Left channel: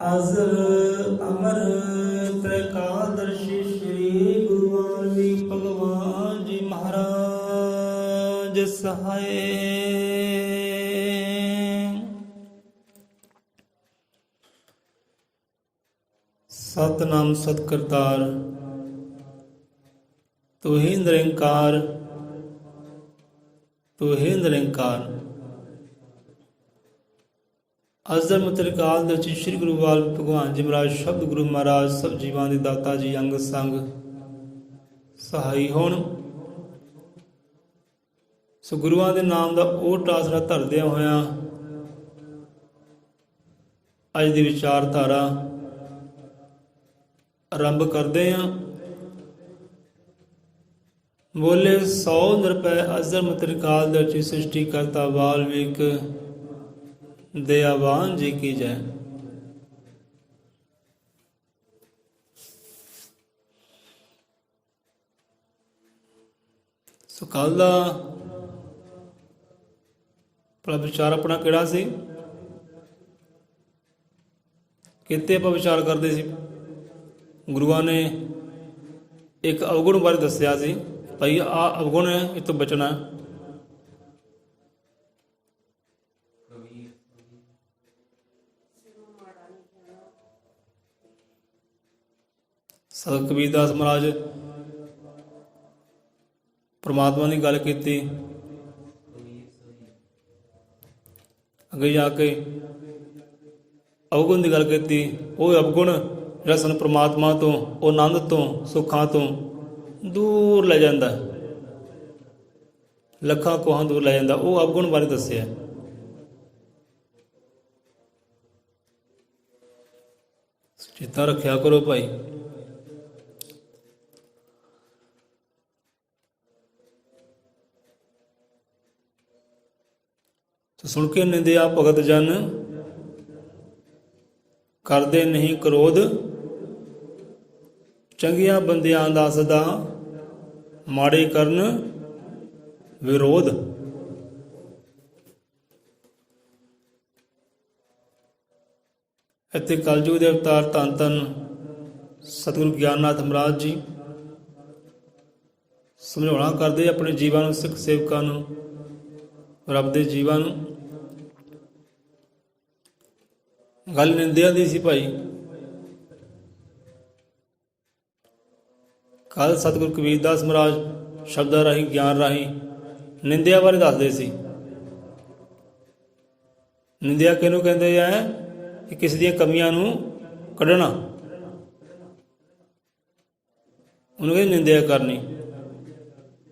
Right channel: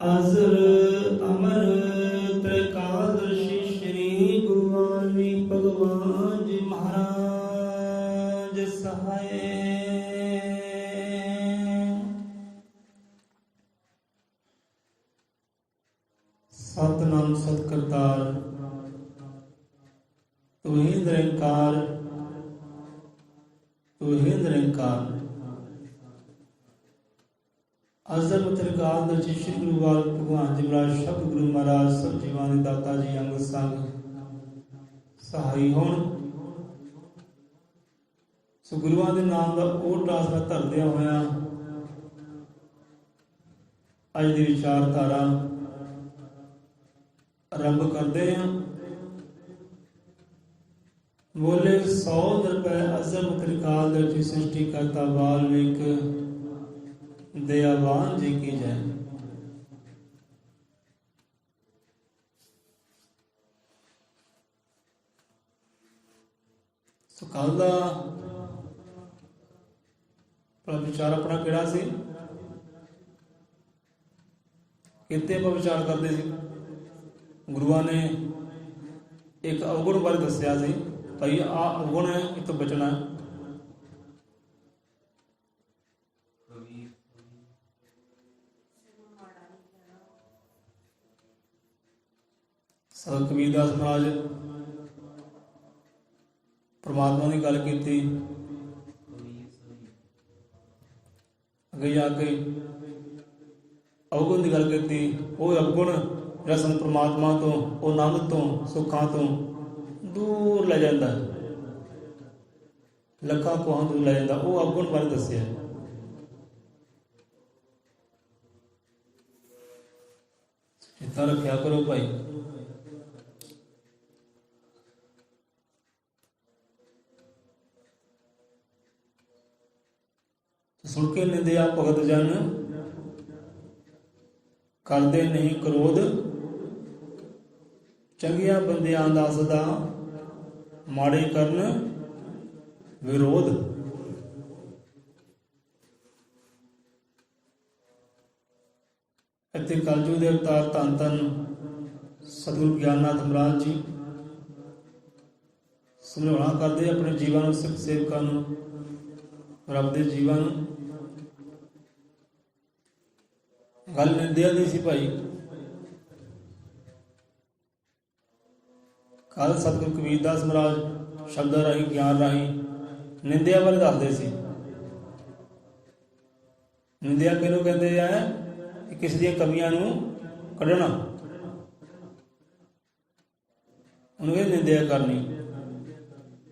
ਅਜ਼ਰ ਅਮਰ ਤ੍ਰਿਕਾਲਦਰਸ਼ੀ ਸ਼੍ਰੀ ਗੁਰੂ ਵਾਲਮੀਕ ਭਗਵਾਨ ਜੀ ਮਹਾਰਾਜ ਸਹਾਏ। ਸਤਿਨਾਮ ਸਤਿ ਕਰਤਾਰ, ਤੂੰ ਹੀ ਨਿਰੰਕਾਰ, ਤੂੰ ਹੀ ਨਿਰੰਕਾਰ। ਅਜ਼ਮ ਤ੍ਰਿਕਾਲਦਰਸ਼ੀ ਸ਼੍ਰੀ ਗੁਰੂ ਵਾਲਮੀਕ ਭਗਵਾਨ ਜੀ ਮਹਾਰਾਜ ਸ਼ਬਦ ਗੁਰੂ ਮਹਾਰਾਜ ਸਭ ਜੀਵਾਂ ਦੇ ਦਾਤਾ ਜੀ ਅੰਗ ਸੰਗ ਸਹਾਈ ਹੋਣ। ਸੋ ਗੁਰੂਆਂ ਦੇ ਨਾਮ ਦਾ ਓਟ ਆਸਰਾ ਧਰਦਿਆਂ ਹੋਇਆਂ ਅੱਜ ਦੀ ਵਿਚਾਰਧਾਰਾ ਆਰੰਭ ਕਰਦੇ ਹਾਂ। ਬੋਲੇ 100 ਰੁਪਏ ਅਜ਼ਮ ਤ੍ਰਿਕਾਲਦਰਸ਼ੀ ਸ੍ਰਿਸ਼ਟੀ ਕਰਤਾ ਵਾਲਮੀਕ दयावान जी की जय। सो कल का भला विचार अपना किहड़ा सी, किते आपां विचार करते सी। गुरुआं ने एक अवगुण बारे दस्सिया सी, भाई आ अवगुण है, इस तो बचना है। सत कबीरदास महाराज परमात्मा की गल की, अगे जाके अवगुण की गल की। वो अवगुण जिहड़ा सानूं परमात्मा तो, आनंद तो, सुखां तो दूर ले जाता, लखां कोहां दूर ले जाता, वो अवगुण बारे दस्सिया। चेता रखिया करो भाई। सुन के निंदिया भगत जन, करदे नहीं क्रोध, चंगिया बंदियां दा सदा माड़े करन विरोध। इत्थे कलयुग दे अवतार धन धन सतगुरु ज्ञाननाथ महाराज जी समझाउणा करदे अपने जीवां नूं, सिख सेवकां नूं, रब दे जीवां नूं। गल निंदिया दी सी भाई। कल सतगुरु कबीरदास महाराज शब्दां राही, ज्ञान राही निंदिया बारे दसदे सी। निंदिया किहनूं कहंदे आ कि किसी दी कमियां नूं कढना, उहनूं कहंदे निंदिया करनी।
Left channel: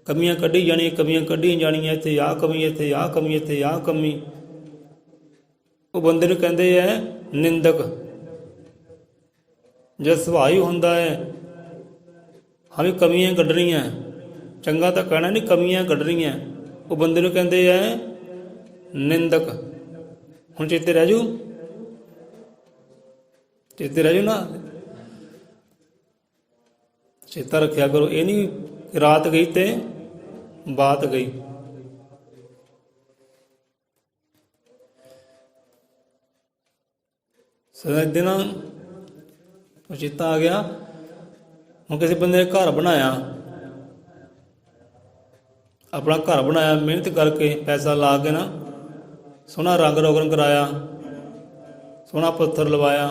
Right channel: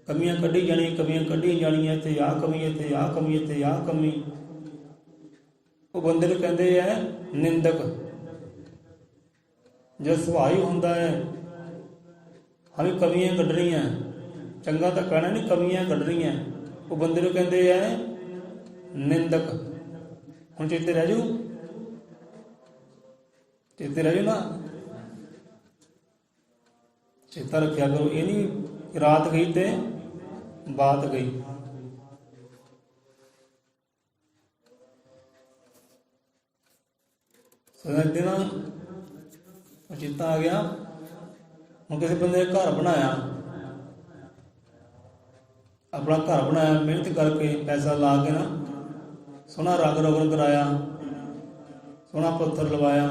कमियां कढी जानी, कमियां कढी जानियां, इत्थे आ कमी, इत्थे आ कमी, इत्थे आ कमी। वो बंदे नूं कहंदे आ निंदक। जद सुभाव ही हुंदा है हाँ भी कमियां कढणियां, चंगा तो कहना नहीं, कमियां कढणियां, वो बंदे नूं कहंदे आ निंदक। हुण चेते रह जू, चेते रह जू ना, चेता रखिया करो। ये नहीं रात गई ते बात गई। दिन चेता आ गया, हूँ किसी बंदे ने घर बनाया, अपना घर बनाया, मेहनत करके पैसा ला के ना, सोहना रंग रोगन कराया, सोहना पत्थर लवाया।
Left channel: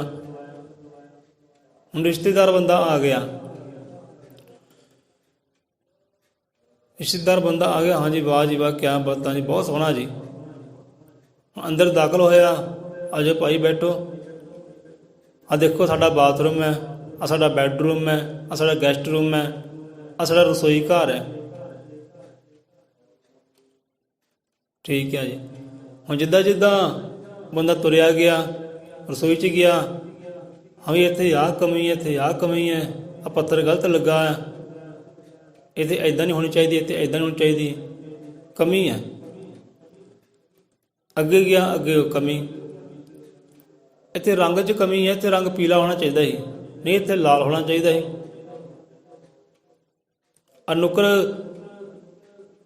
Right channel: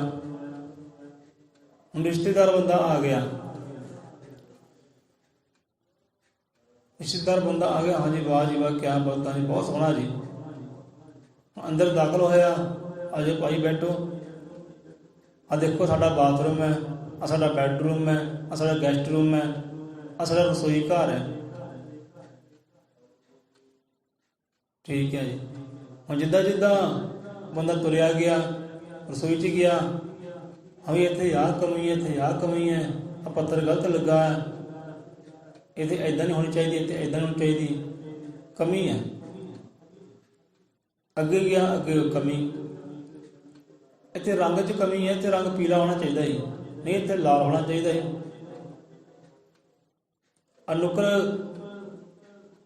हूँ रिश्तेदार बंदा आ गया, रिश्तेदार बंदा आ गया, हाँ जी वाह जी वाह, क्या बात जी, बहुत सोहना जी। अंदर दाखिल होया, आज भाई बैठो, आ देखो साडा बाथरूम है, आ साडा बैडरूम है, आ साडा गैसट रूम है, आ साडा रसोई घर है। ठीक है जी। हुण जिद्दां जिद्दां बंदा तुरिया गया, रसोई च गया, हाँ भी इत्थे आ कमी है, इत्थे आ कमी है, आ पत्थर गलत लगा है, इत्थे इदां नहीं होनी चाहिए, इत्थे इदां नहीं होनी चाहिए, कमी है। अगे गया, अगे कमी, इत्थे रंग च कमी है, इत्थे रंग पीला होना चाहिए ही, नहीं इत्थे लाल होना चाहिए ही। अनुकर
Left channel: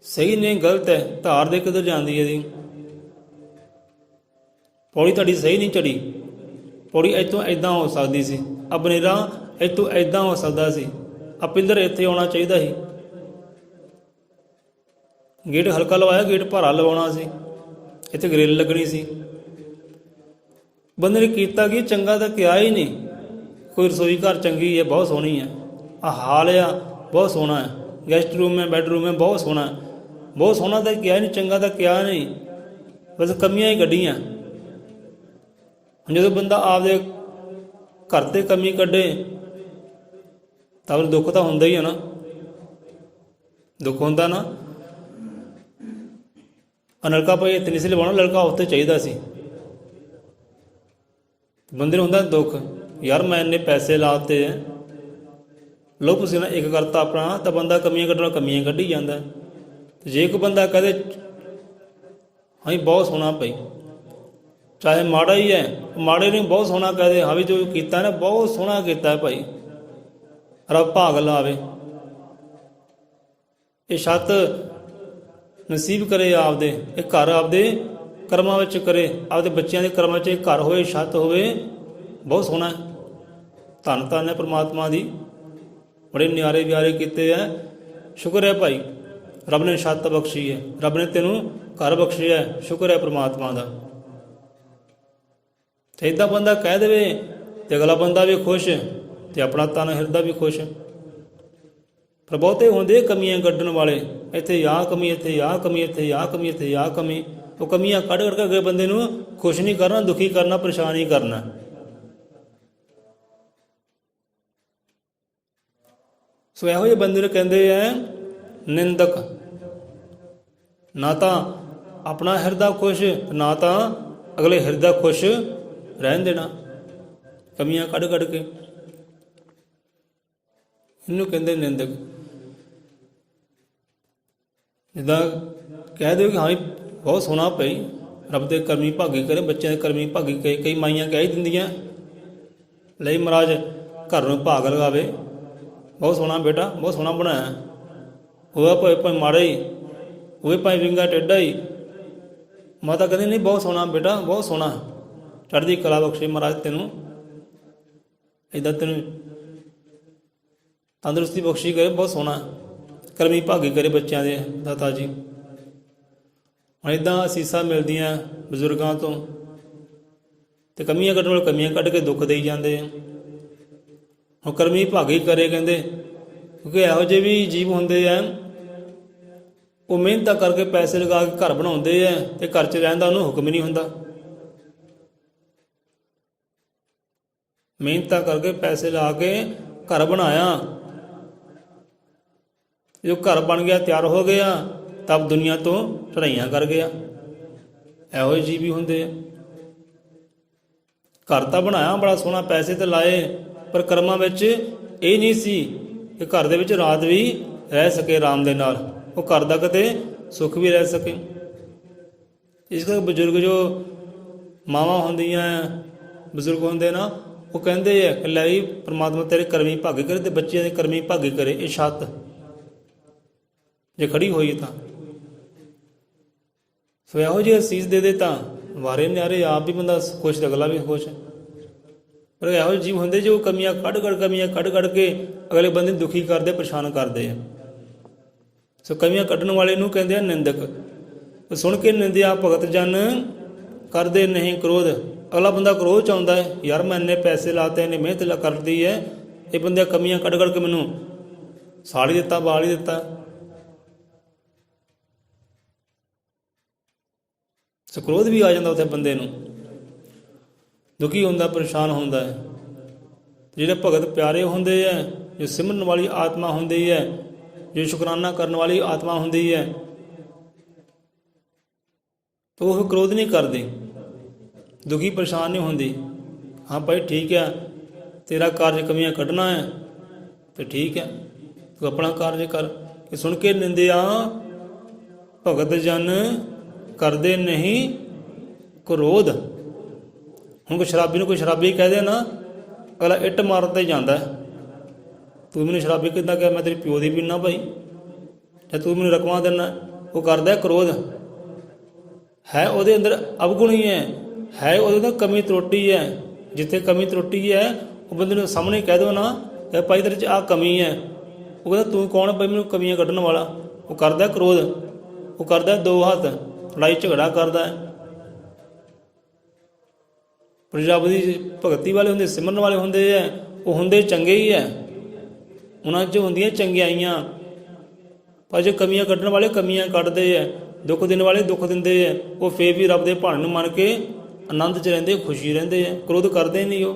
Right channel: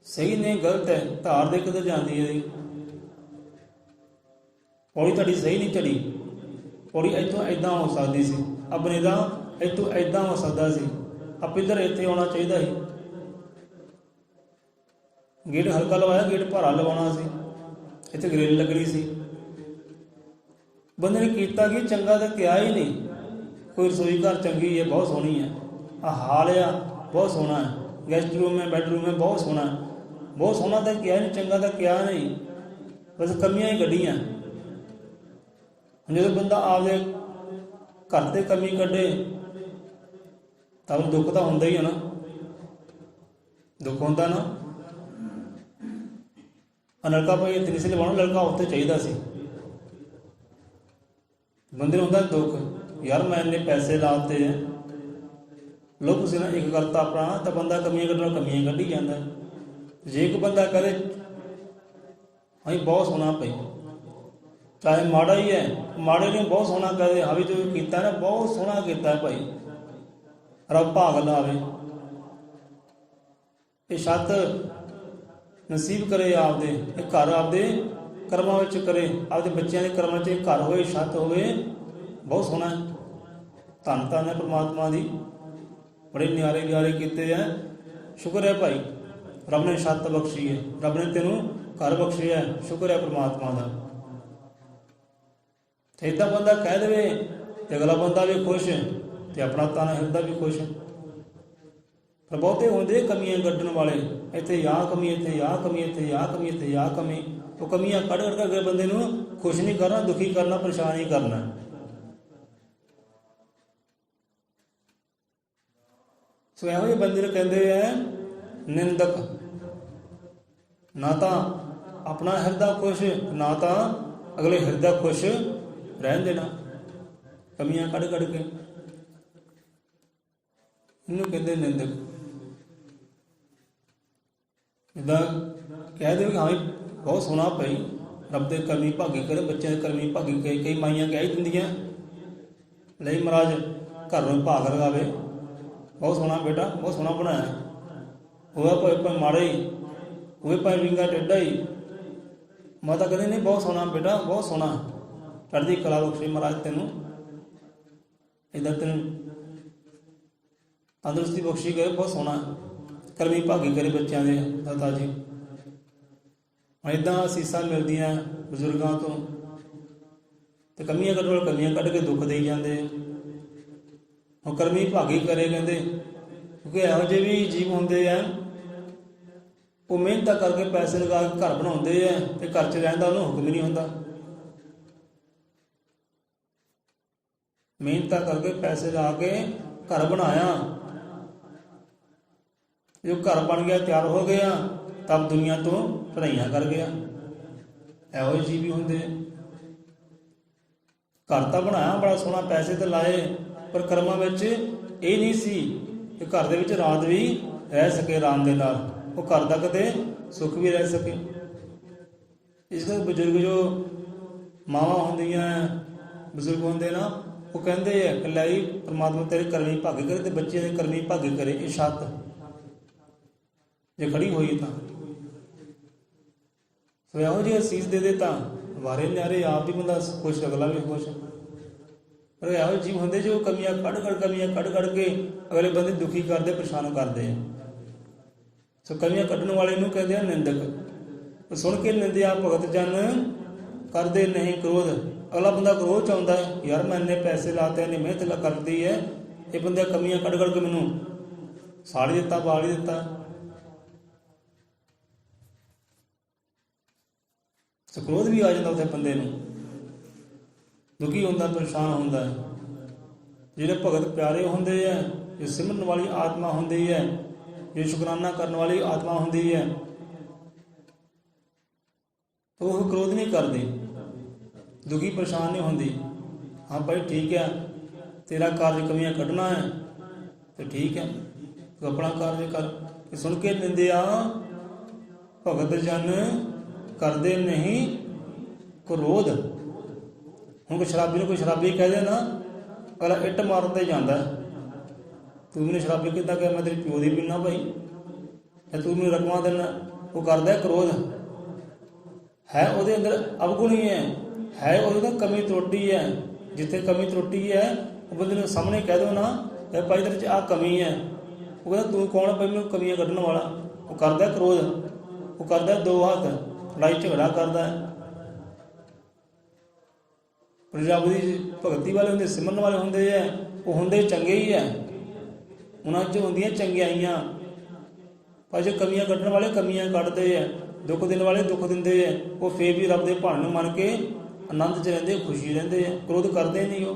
सही नहीं गलत है, धार दे किधर जाती है जी, पौड़ी तुहाडी सही नहीं चढ़ी, ਪੌੜੀ ਇੱਥੋਂ ਇੱਦਾਂ ਹੋ ਸਕਦੀ ਸੀ, ਆ ਬਨੇਰਾ ਇੱਥੋਂ ਇੱਦਾਂ ਹੋ ਸਕਦਾ ਸੀ, ਆ ਪਿੱਲਰ ਇੱਥੇ ਆਉਣਾ ਚਾਹੀਦਾ ਸੀ, ਗੇਟ ਹਲਕਾ ਲਵਾਇਆ, ਗੇਟ ਭਾਰਾ ਲਵਾਉਣਾ ਸੀ, ਇੱਥੇ ਗ੍ਰਿਲ ਲੱਗਣੀ ਸੀ। ਬੰਦੇ ਨੇ ਕੀਤਾ ਕਿ ਚੰਗਾ ਤਾਂ ਕਿਹਾ ਹੀ ਨਹੀਂ। ਕੋਈ ਰਸੋਈ ਘਰ ਚੰਗੀ ਹੈ, ਬਹੁਤ ਸੋਹਣੀ ਹੈ, ਆ ਹਾਲ ਆ ਬਹੁਤ ਸੋਹਣਾ ਹੈ, ਗੈਸਟ ਰੂਮ ਹੈ, ਬੈਡਰੂਮ ਹੈ, ਬਹੁਤ ਸੋਹਣਾ, ਬਹੁਤ ਸੋਹਣਾ ਤਾਂ ਕਿਹਾ ਨਹੀਂ, ਚੰਗਾ ਤਾਂ ਕਿਹਾ ਨਹੀਂ, ਬਸ ਕਮੀਆਂ ਹੀ ਕੱਢੀਆਂ। ਜਦੋਂ ਬੰਦਾ ਆਪਦੇ ਘਰ 'ਤੇ ਕਮੀ ਕੱਢੇ ਤਾਂ ਉਹਨੂੰ ਦੁੱਖ ਤਾਂ ਹੁੰਦਾ ਹੀ ਹੈ ਨਾ, ਦੁੱਖ ਹੁੰਦਾ ਨਾ। ਨਲਕਾ ਭਾਈ ਇੱਥੇ ਨਹੀਂ ਸੀ ਲਵਾਉਣਾ, ਲੜਕਾ ਉੱਥੇ ਚਾਹੀਦਾ ਸੀ। ਬੰਦੇ ਨੂੰ ਹੁੰਦਾ ਦੁੱਖ, ਯਾਰ ਮੈਂ ਇੰਨੇ ਪੈਸੇ ਲਾਤੇ, ਲੋ ਤੁਸੀਂ ਨਾ ਇੱਕ ਕਰਤਾ ਆਪਣਾ, ਤਾਂ ਬੰਦਾ ਕਮੀਆਂ ਕੱਢਣਾ ਕਮੀਆਂ ਕੱਢੀ ਜਾਂਦਾ। ਜੇ ਕੋਈ ਬੰਦਾ ਕਹਦੇ ਹਾਂ ਬਹੁਤ ਸੋਹਣਾ ਭਾਈ, ਚਾਹੇ ਮਾੜਾ ਹੀ ਹੈ, ਮਾੜੇ ਨੂੰ ਬਹੁਤ ਸੋਹਣਾ ਕਹਦੇ, ਹਾਂ ਵੀ ਜੋ ਕੀਤਾ ਨਾ ਬਹੁਤ ਸੋਹਣਾ ਕੀਤਾ ਭਾਈ, ਰੱਬ ਭਾਗ ਲਾਵੇ। ਇਹ ਛੱਤ ਨਸੀਬ ਕਰੇ ਆਪਦੇ, ਇਹ ਘਰ ਆਪਦੇ ਕਰਮਾਂ ਵਿੱਚ ਕਰੇ, ਆਪਦੇ ਬੱਚਿਆਂ ਦੇ ਕਰਮਾਂ 'ਚ ਇਹ ਘਰ ਹੋਏ, ਛੱਤ ਹੋਵੇ, ਬਹੁਤ ਸੋਹਣਾ। ਧੰਨ ਧੰਨ ਹੈ ਪਰਮਾਤਮਾ ਦੀ, ਬੜੇ ਨਿਆਰੇ ਵਿਆਰੇ ਕੀਤੇ ਹੈ। ਸ਼ੁਕਰ ਹੈ ਭਾਈ, ਰੱਬ ਨੇ ਛੱਤ ਬਖਸ਼ੀ ਹੈ, ਰੱਬ ਨੇ ਤੈਨੂੰ ਘਰ ਬਖਸ਼ਿਆ, ਸ਼ੁਕਰ ਹੈ ਪਰਮਾਤਮਾ ਦਾ। ਤੇ ਇੱਦਾਂ ਬੰਦਾ ਕਹਿ ਦੇਵੇ ਤੇ ਅਗਲਾ ਬੰਦਾ ਵੀ ਖੁਸ਼ ਤੇ ਆਪਣਾ ਤਨ ਹਿਰਦਾ ਵੀ ਖੁਸ਼। ਪਰ ਬਹੁਤੇ ਹੁੰਦੇ ਕਮੀਆਂ ਕੱਢਣ ਵਾਲੇ, ਇੱਥੇ ਆਹ ਕਮੀ, ਇੱਥੇ ਆਹ ਕਮੀ, ਇੱਥੇ ਆਹ ਕਮੀ, ਇੱਥੇ ਆਹ ਕਮੀ। ਉਹ ਕਮੀਆਂ ਕੱਢ ਕੇ ਅਗਲੇ ਬੰਦੇ ਨੂੰ ਖੁਸ਼ ਨਹੀਂ ਕਰਨਾ, ਦੁਖੀ ਕਰਨਾ, ਪਰੇਸ਼ਾਨ ਹੀ ਕਰਨਾ। ਸੋ ਇਹੋ ਜਿਹੇ ਬੰਦੇ ਨੂੰ ਕਹਿੰਦੇ ਹੈ ਨਿੰਦਕ। ਨਾ ਤਾਂ ਆਪਣਾ ਹਿਰਦਾ ਖੁਸ਼, ਨਾ ਤਾਂ ਅਗਲੇ ਹਿਰਦਾ ਖੁਸ਼ ਰਹਿਣ ਦੇਣਾ, ਕਮੀਆਂ ਕੱਢ ਕੱਢ ਕੇ। ਇਹਨੂੰ ਕਹਿੰਦੇ ਨਿੰਦਕ। ਜਿੱਦਾਂ ਕਹਿ ਦਿਓ ਕਿ ਹਾਂ ਬਹੁਤ ਸੋਹਣਾ ਭਾਈ, ਰੱਬ ਦੇ ਕਰਮੀ ਭਾਗੀ ਕਰੇ, ਬੱਚਿਆਂ ਦੇ ਕਰਮੀ ਭਾਗੀ ਕਰੇ। ਕਈ ਮਾਈਆਂ ਕਹਿ ਹੀ ਦਿੰਦੀਆਂ, ਲਈ ਮਹਾਰਾਜ ਘਰ ਨੂੰ ਭਾਗ ਲਗਾਵੇ, ਬਹੁਤ ਸੋਹਣਾ ਬੇਟਾ, ਬਹੁਤ ਸੋਹਣਾ ਬਣਾਇਆ, ਉਹ ਭਾਵੇਂ ਮਾੜਾ ਹੀ, ਉਹ ਭਾਵੇਂ ਵਿੰਗਾ ਟੇਢਾ ਹੀ। ਮਾਤਾ ਕਹਿੰਦੀ ਨਹੀਂ ਬਹੁਤ ਸੋਹਣਾ ਬੇਟਾ, ਬਹੁਤ ਸੋਹਣਾ, ਚੜ੍ਹਦੀ ਕਲਾ ਬਖਸ਼ੇ ਮਹਾਰਾਜ ਤੈਨੂੰ, ਇੱਦਾਂ ਤੈਨੂੰ ਤੰਦਰੁਸਤੀ ਬਖਸ਼ੀ ਕਰੇ, ਬਹੁਤ ਸੋਹਣਾ ਕਰਮੀ ਭਾਗੀ ਕਰੇ ਬੱਚਿਆਂ ਦੇ ਦਾਤਾ ਜੀ। ਹੁਣ ਇੱਦਾਂ ਅਸੀਸਾਂ ਮਿਲਦੀਆਂ ਬਜ਼ੁਰਗਾਂ ਤੋਂ, ਅਤੇ ਕਮੀਆਂ ਕੱਢਣ ਵਾਲੇ ਕਮੀਆਂ ਕੱਢ ਕੇ ਦੁੱਖ ਦੇਈ ਜਾਂਦੇ। ਹੁਣ ਕਰਮੀ ਭਾਗੀ ਕਰੇ ਕਹਿੰਦੇ, ਕਿਉਂਕਿ ਇਹੋ ਜਿਹੇ ਵੀ ਜੀਵ ਹੁੰਦੇ ਆ, ਉਹ ਮਿਹਨਤਾਂ ਕਰਕੇ ਪੈਸੇ ਲਗਾ ਕੇ ਘਰ ਬਣਾਉਂਦੇ ਆ, ਅਤੇ ਘਰ 'ਚ ਰਹਿਣ ਦਾ ਉਹਨੂੰ ਹੁਕਮ ਹੀ ਨਹੀਂ ਹੁੰਦਾ। ਮਿਹਨਤਾਂ ਕਰਕੇ ਪੈਸੇ ਲਾ ਕੇ ਘਰ ਬਣਾਇਆ, ਜੋ ਘਰ ਬਣ ਗਿਆ, ਤਿਆਰ ਹੋ ਗਿਆ, ਤਬ ਦੁਨੀਆ ਤੋਂ ਚੜ੍ਹਾਈਆਂ ਕਰ ਗਿਆ। ਇਹੋ ਜਿਹੇ ਜੀਵ ਵੀ ਹੁੰਦੇ ਆ। ਘਰ ਤਾਂ ਬਣਾਇਆ ਬੜਾ ਸੋਹਣਾ, ਪੈਸੇ ਤਾਂ ਲਾਏ, ਪਰ ਕਰਮਾਂ ਵਿੱਚ ਇਹ ਨਹੀਂ ਸੀ ਕਿ ਘਰ ਦੇ ਵਿੱਚ ਰਾਤ ਵੀ ਰਹਿ ਸਕੇ ਆਰਾਮ ਦੇ ਨਾਲ, ਉਹ ਘਰ ਦਾ ਕਿਤੇ ਸੁੱਖ ਵੀ ਰਹਿ ਸਕੇ। ਇਸ ਕਰਕੇ ਬਜ਼ੁਰਗ ਜੋ ਮਾਵਾਂ ਹੁੰਦੀਆਂ, ਬਜ਼ੁਰਗ ਹੁੰਦੇ ਨਾ, ਉਹ ਕਹਿੰਦੇ ਆ ਕਿ ਲੈ ਪਰਮਾਤਮਾ ਤੇਰੇ ਕਰਮੀ ਭਾਗੇ ਕਰੇ ਅਤੇ ਬੱਚਿਆਂ ਦੇ ਕਰਮੀ ਭਾਗੇ ਕਰੇ। ਇਹ ਛੱਤ ਜੇ ਖੜੀ ਹੋਈ ਤਾਂ ਸੋ ਇਹੋ ਜਿਹੀ ਅਸੀਸ ਦੇ ਤਾਂ ਵਾਰੇ ਨਿਆਰੇ ਆਪ ਵੀ ਬੰਦਾ ਖੁਸ਼, ਅਗਲਾ ਵੀ ਖੁਸ਼। ਪਰ ਇਹੋ ਜਿਹੇ ਜੀਵ ਹੁੰਦੇ ਜੋ ਕਮੀਆਂ ਕੱਢ ਕੱਢ ਕੇ ਅਗਲੇ ਬੰਦੇ ਨੂੰ ਦੁਖੀ ਕਰਦੇ, ਪਰੇਸ਼ਾਨ ਕਰਦੇ ਆ। ਸੋ ਕਮੀਆਂ ਕੱਢਣ ਵਾਲੇ ਨੂੰ ਕਹਿੰਦੇ ਆ ਨਿੰਦਕ। ਸੁਣ ਕੇ ਨਿੰਦਿਆ ਭਗਤ ਜਨ ਕਰਦੇ ਨਹੀਂ ਕ੍ਰੋਧ। ਅਗਲਾ ਬੰਦਾ ਕ੍ਰੋਧ 'ਚ ਆਉਂਦਾ ਹੈ, ਯਾਰ ਮੈਂ ਇੰਨੇ ਪੈਸੇ ਲਾਤੇ, ਇੰਨੀ ਮਿਹਨਤ ਕਰਦੀ ਹੈ, ਇਹ ਬੰਦੇ ਕਮੀਆਂ ਕੱਢ ਕੇ ਮੈਨੂੰ ਸਾੜ ਹੀ ਦਿੱਤਾ, ਬਾਲ ਹੀ ਦਿੱਤਾ। ਸੋ ਕ੍ਰੋਧ ਵੀ ਆ ਜਾਂਦਾ ਉੱਥੇ ਬੰਦੇ ਨੂੰ, ਦੁਖੀ ਹੁੰਦਾ, ਪਰੇਸ਼ਾਨ ਹੁੰਦਾ ਹੈ। ਜਿਹੜੇ ਭਗਤ ਪਿਆਰੇ ਹੁੰਦੇ ਹੈ, ਜੋ ਸਿਮਰਨ ਵਾਲੀ ਆਤਮਾ ਹੁੰਦੀ ਹੈ, ਜੋ ਸ਼ੁਕਰਾਨਾ ਕਰਨ ਵਾਲੀ ਆਤਮਾ ਹੁੰਦੀ ਹੈ, ਤਾਂ ਉਹ ਕ੍ਰੋਧ ਨਹੀਂ ਕਰਦੀ, ਦੁਖੀ ਪਰੇਸ਼ਾਨ ਨਹੀਂ ਹੁੰਦੀ। ਹਾਂ ਭਾਈ ਠੀਕ ਹੈ, ਤੇਰਾ ਕਾਰਜ ਕਮੀਆਂ ਕੱਢਣਾ ਹੈ ਤੇ ਠੀਕ ਹੈ, ਤੂੰ ਆਪਣਾ ਕਾਰਜ ਕਰ। ਕਿ ਸੁਣ ਕੇ ਨਿੰਦਿਆ ਭਗਤ ਜਨ ਕਰਦੇ ਨਹੀਂ ਕ੍ਰੋਧ। ਹੁਣ ਕੋਈ ਸ਼ਰਾਬੀ ਨੂੰ ਕੋਈ ਸ਼ਰਾਬੀ ਕਹਿ ਦੇ ਨਾ, ਅਗਲਾ ਇੱਟ ਮਾਰਨ 'ਤੇ ਜਾਂਦਾ, ਤੂੰ ਮੈਨੂੰ ਸ਼ਰਾਬੀ ਕਿੱਦਾਂ ਕਿਹਾ, ਮੈਂ ਤੇਰੀ ਪਿਓ ਦੀ ਪੀਨਾ ਭਾਈ, ਜਾਂ ਤੂੰ ਮੈਨੂੰ ਰਕਮਾਂ ਦਿੰਦਾ। ਉਹ ਕਰਦਾ ਕ੍ਰੋਧ, ਹੈ ਉਹਦੇ ਅੰਦਰ ਅਵਗੁਣ ਹੀ ਹੈ ਉਹਦੇ ਅੰਦਰ ਕਮੀ ਤਰੋਟੀ ਹੈ, ਜਿੱਥੇ ਕਮੀ ਤਰੁੱਟੀ ਹੈ ਉਹ ਬੰਦੇ ਨੂੰ ਸਾਹਮਣੇ ਕਹਿ ਦਿਓ ਨਾ ਕਿ ਭਾਈ ਤੇਰੇ 'ਚ ਆਹ ਕਮੀ ਹੈ। ਉਹ ਕਹਿੰਦਾ ਤੂੰ ਕੌਣ ਭਾਈ ਮੈਨੂੰ ਕਮੀਆਂ ਕੱਢਣ ਵਾਲਾ। ਉਹ ਕਰਦਾ ਕ੍ਰੋਧ, ਉਹ ਕਰਦਾ ਦੋ ਹੱਥ, ਲੜਾਈ ਝਗੜਾ ਕਰਦਾ ਹੈ। ਪਰ ਰੱਬ ਦੀ ਭਗਤੀ ਵਾਲੇ ਹੁੰਦੇ, ਸਿਮਰਨ ਵਾਲੇ ਹੁੰਦੇ ਹੈ, ਉਹ ਹੁੰਦੇ ਚੰਗੇ ਹੀ ਹੈ, ਉਹਨਾਂ 'ਚ ਹੁੰਦੀਆਂ ਚੰਗਿਆਈਆਂ। ਪਰ ਜੇ ਕਮੀਆਂ ਕੱਢਣ ਵਾਲੇ ਕਮੀਆਂ ਕੱਢਦੇ ਹੈ, ਦੁੱਖ ਦੇਣ ਵਾਲੇ ਦੁੱਖ ਦਿੰਦੇ ਹੈ, ਉਹ ਫੇਰ ਵੀ ਰੱਬ ਦੇ ਭਾਣੇ ਨੂੰ ਮੰਨ ਕੇ ਆਨੰਦ 'ਚ ਰਹਿੰਦੇ, ਖੁਸ਼ੀ ਰਹਿੰਦੇ ਹੈ, ਕ੍ਰੋਧ ਕਰਦੇ ਨਹੀਂ। ਉਹ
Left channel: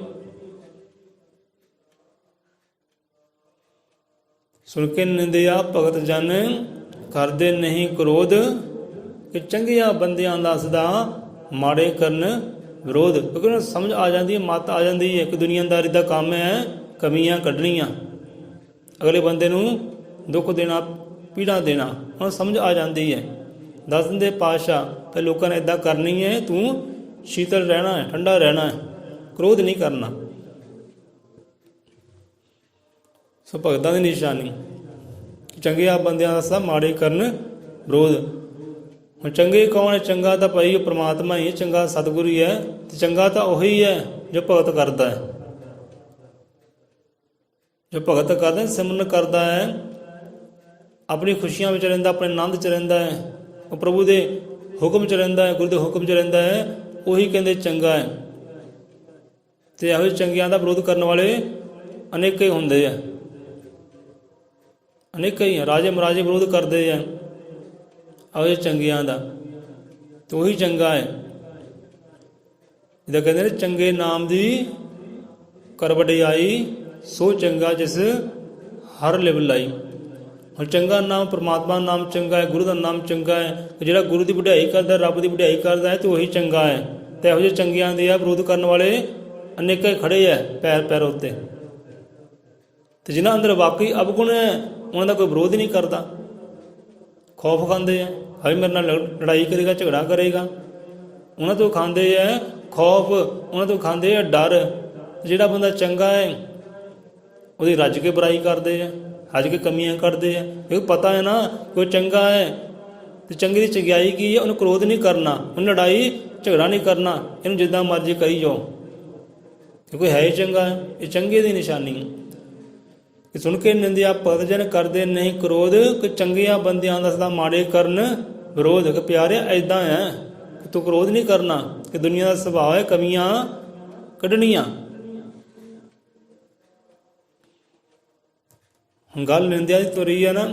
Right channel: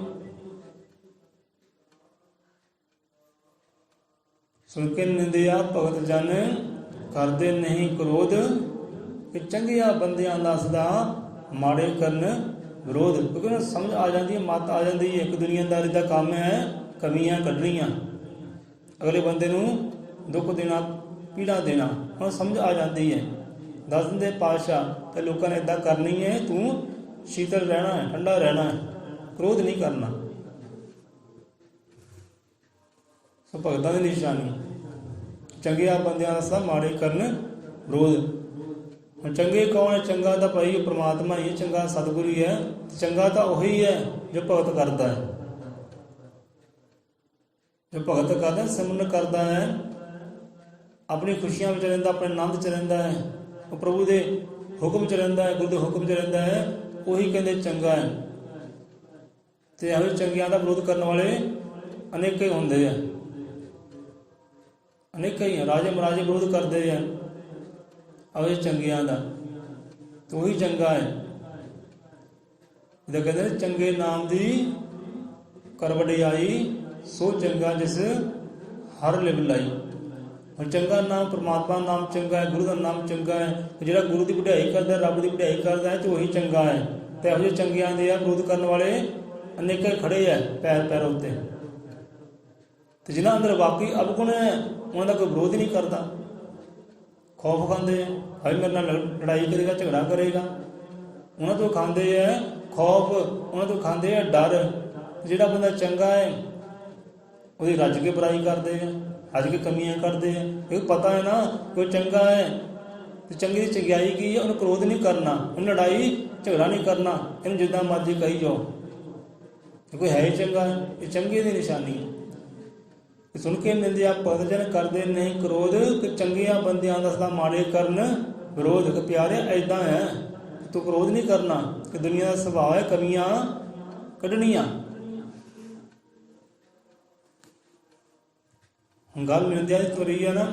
ਸੁਣ ਕੇ ਨਿੰਦਿਆ ਭਗਤ ਜਨ ਕਰਦੇ ਨਹੀਂ ਕ੍ਰੋਧ, ਕਿ ਚੰਗਿਆਂ ਬੰਦਿਆਂ ਦਾ ਸਦਾ ਮਾੜੇ ਕਰਨ ਵਿਰੋਧ। ਕਿਉਂਕਿ ਉਹਨੂੰ ਸਮਝ ਆ ਜਾਂਦੀ ਹੈ, ਮੱਤ ਆ ਜਾਂਦੀ ਹੈ ਕਿ ਦੁਨੀਆਦਾਰੀ ਦਾ ਕੰਮ ਹੈ ਕਮੀਆਂ ਕੱਢਣੀਆਂ, ਅਗਲੇ ਬੰਦੇ ਨੂੰ ਦੁੱਖ ਦੇਣਾ, ਪੀੜਾ ਦੇਣਾ, ਉਹਨੂੰ ਸਮਝ ਆ ਜਾਂਦੀ ਹੈ। ਦੱਸ ਦਿੰਦੇ ਪਾਤਸ਼ਾਹ ਕਿ ਲੋਕਾਂ ਨੇ ਇੱਦਾਂ ਕਰਨੀ ਹੈ, ਤੂੰ ਸ਼ੀਤਲ ਰਹਿਣਾ ਹੈ, ਠੰਡਾ ਰਹਿਣਾ ਹੈ, ਕ੍ਰੋਧ ਨਹੀਂ ਕਰਨਾ। ਸੋ ਭਗਤਾਂ ਦੀ ਨਿਸ਼ਾਨੀ ਚੰਗਿਆਂ ਬੰਦਿਆਂ ਦਾ ਸਭ ਮਾੜੇ ਕਰਨ ਵਿਰੋਧ। ਹੁਣ ਚੰਗੇ ਕੌਣ ਹੈ? ਚੰਗਾ ਤਾਂ ਭਾਈ ਪ੍ਰਮਾਤਮਾ ਹੀ ਹੈ, ਚੰਗਾ ਸਤਿਗੁਰੂ ਹੀ ਹੈ, ਤੇ ਚੰਗਾ ਤਾਂ ਉਹੀ ਹੈ ਜੋ ਭਗਤ ਕਰਦਾ ਹੈ। ਜੋ ਭਗਤ ਕਰਦਾ, ਸਿਮਰਨ ਕਰਦਾ ਹੈ, ਆਪਣੀ ਖੁਸ਼ੀਆਂ ਵਿੱਚ ਰਹਿੰਦਾ, ਆਪਣੇ ਆਨੰਦ 'ਚ ਰਹਿੰਦਾ ਹੈ, ਉਹ ਪ੍ਰਭੂ ਦੇ ਹੁਕਮ 'ਚ ਰਹਿੰਦਾ ਹੈ, ਗੁਰੂ ਦੇ ਹੁਕਮ 'ਚ ਰਹਿੰਦਾ ਹੈ, ਉਹੀ ਕਹਿੰਦੇ ਚੰਗਾ ਹੈ। ਤੇ ਇਹੋ ਜਿਹੇ ਚੰਗਿਆਂ ਦਾ ਵਿਰੋਧ ਕਰਨ ਵਾਲੇ ਅਨੇਕਾਂ ਹੀ ਹੁੰਦੇ ਆ, ਅਨੇਕਾਂ ਹੀ ਰਾਜੇ ਮਹਾਰਾਜੇ ਵਿਰੋਧ ਕਰਦੇ ਆ ਇਹੋ ਜਿਹੇ ਚੰਗਿਆਂ ਦਾ, ਤੇ ਉਹੀ ਚੰਗਾ ਹੈ। ਜਿੱਦਾਂ ਕਹਿੰਦੇ ਨੇ ਚੰਗੇ ਨਾਮ ਦੀ ਕਰ ਵਡਿਆਈ, ਸੋ ਚੰਗਾ ਜਿਸ ਹਰ ਲਿਵ ਲਾਈ। ਹੁਣ ਚੰਗਾ ਨਾਮ ਪਰਮਾਤਮਾ ਨਾਮ ਚੰਗਾ ਹੈ, ਗੁਰੂ ਦਾ ਨਾਮ ਚੰਗਾ ਹੈ, ਜਿਹੜਾ ਗੁਰੂ ਦੀ ਵਡਿਆਈ ਕਰਦਾ, ਰੱਬ ਦੀ ਵਡਿਆਈ ਕਰਦਾ ਹੈ, ਤੇ ਉਹੀ ਚੰਗਾ ਹੈ। ਤੇ ਇਹੋ ਜਿਹੇ ਚੰਗਿਆਂ ਦੇ ਆ ਵਿਰੋਧ ਕਰਨ ਵਾਲੇ ਅਨੇਕਾਂ ਖੜੇ ਹੈ ਪੈਰ ਪੈਰ ਉੱਤੇ, ਤੇ ਜਿਨ੍ਹਾਂ ਅੰਦਰ ਵਾਕਈ ਅਵਗੁਣ ਹੈ ਉਹਨਾਂ ਦਾ ਕੋਈ ਵਿਰੋਧ ਨਹੀਂ ਕਰਦਾ। ਖੌਫ ਖਾਂਦੇ ਹੈ, ਹਾਏ ਮੇਰੇ ਨਾਲ ਲੜਾਈ ਕਰੇਗਾ, ਝਗੜਾ ਕਰੇਗਾ, ਉਹਨਾਂ ਤੋਂ ਖਾਂਦੇ ਹੈ ਖੌਫ, ਉਹਨਾਂ ਤੋਂ ਖਾਂਦੇ ਹੈ ਡਰ। ਜਿਹੜਾ ਬੰਦਾ ਚੰਗਾ ਹੈ ਉਹਦੀ ਰੱਜ ਕੇ ਬੁਰਾਈ ਕਰਦੇ ਹੈ, ਰੱਜ ਕੇ ਕਮੀਆਂ ਕੱਢਦੇ ਹੈ। ਇਹ ਪਤਾ ਹੈ ਨਾ ਕੋਈ ਚੰਗਾ ਹੈ ਤੇ ਚੰਗੇ ਦੀ ਚੰਗਿਆਈ ਕੀ ਹੈ, ਉਹਨੂੰ ਕ੍ਰੋਧ ਨਹੀਂ ਕਰਨਾ, ਉਹਨੂੰ ਲੜਾਈ ਝਗੜਾ ਨਹੀਂ ਕਰਨਾ, ਇਹਨੂੰ ਜਿੱਦਾਂ ਮਰਜ਼ੀ ਕਹੀ ਜਾਓ, ਕਿਉਂਕਿ ਹੈ ਹੀ ਚੰਗਾ ਹੈ। ਇਹ ਚੰਗੇ ਦੀ ਨਿਸ਼ਾਨੀ ਹੈ। ਕਿ ਸੁਣ ਕੇ ਨਿੰਦਿਆ ਭਗਤ ਜਨ ਕਰਦੇ ਨਹੀਂ ਕ੍ਰੋਧ, ਕਿ ਚੰਗਿਆਂ ਬੰਦਿਆਂ ਦਾ ਸਦਾ ਮਾੜੇ ਕਰਨ ਵਿਰੋਧ। ਕਿ ਪਿਆਰੇ ਇੱਦਾਂ ਹੈ, ਤੂੰ ਕ੍ਰੋਧ ਨਹੀਂ ਕਰਨਾ, ਕਿ ਦੁਨੀਆ ਦਾ ਸੁਭਾਅ ਹੈ ਕਮੀਆਂ ਕੱਢਣੀਆਂ। ਹੁਣ ਗੱਲ ਨਿੰਦਿਆ ਦੀ ਤੁਰੀ ਹੈ ਨਾ,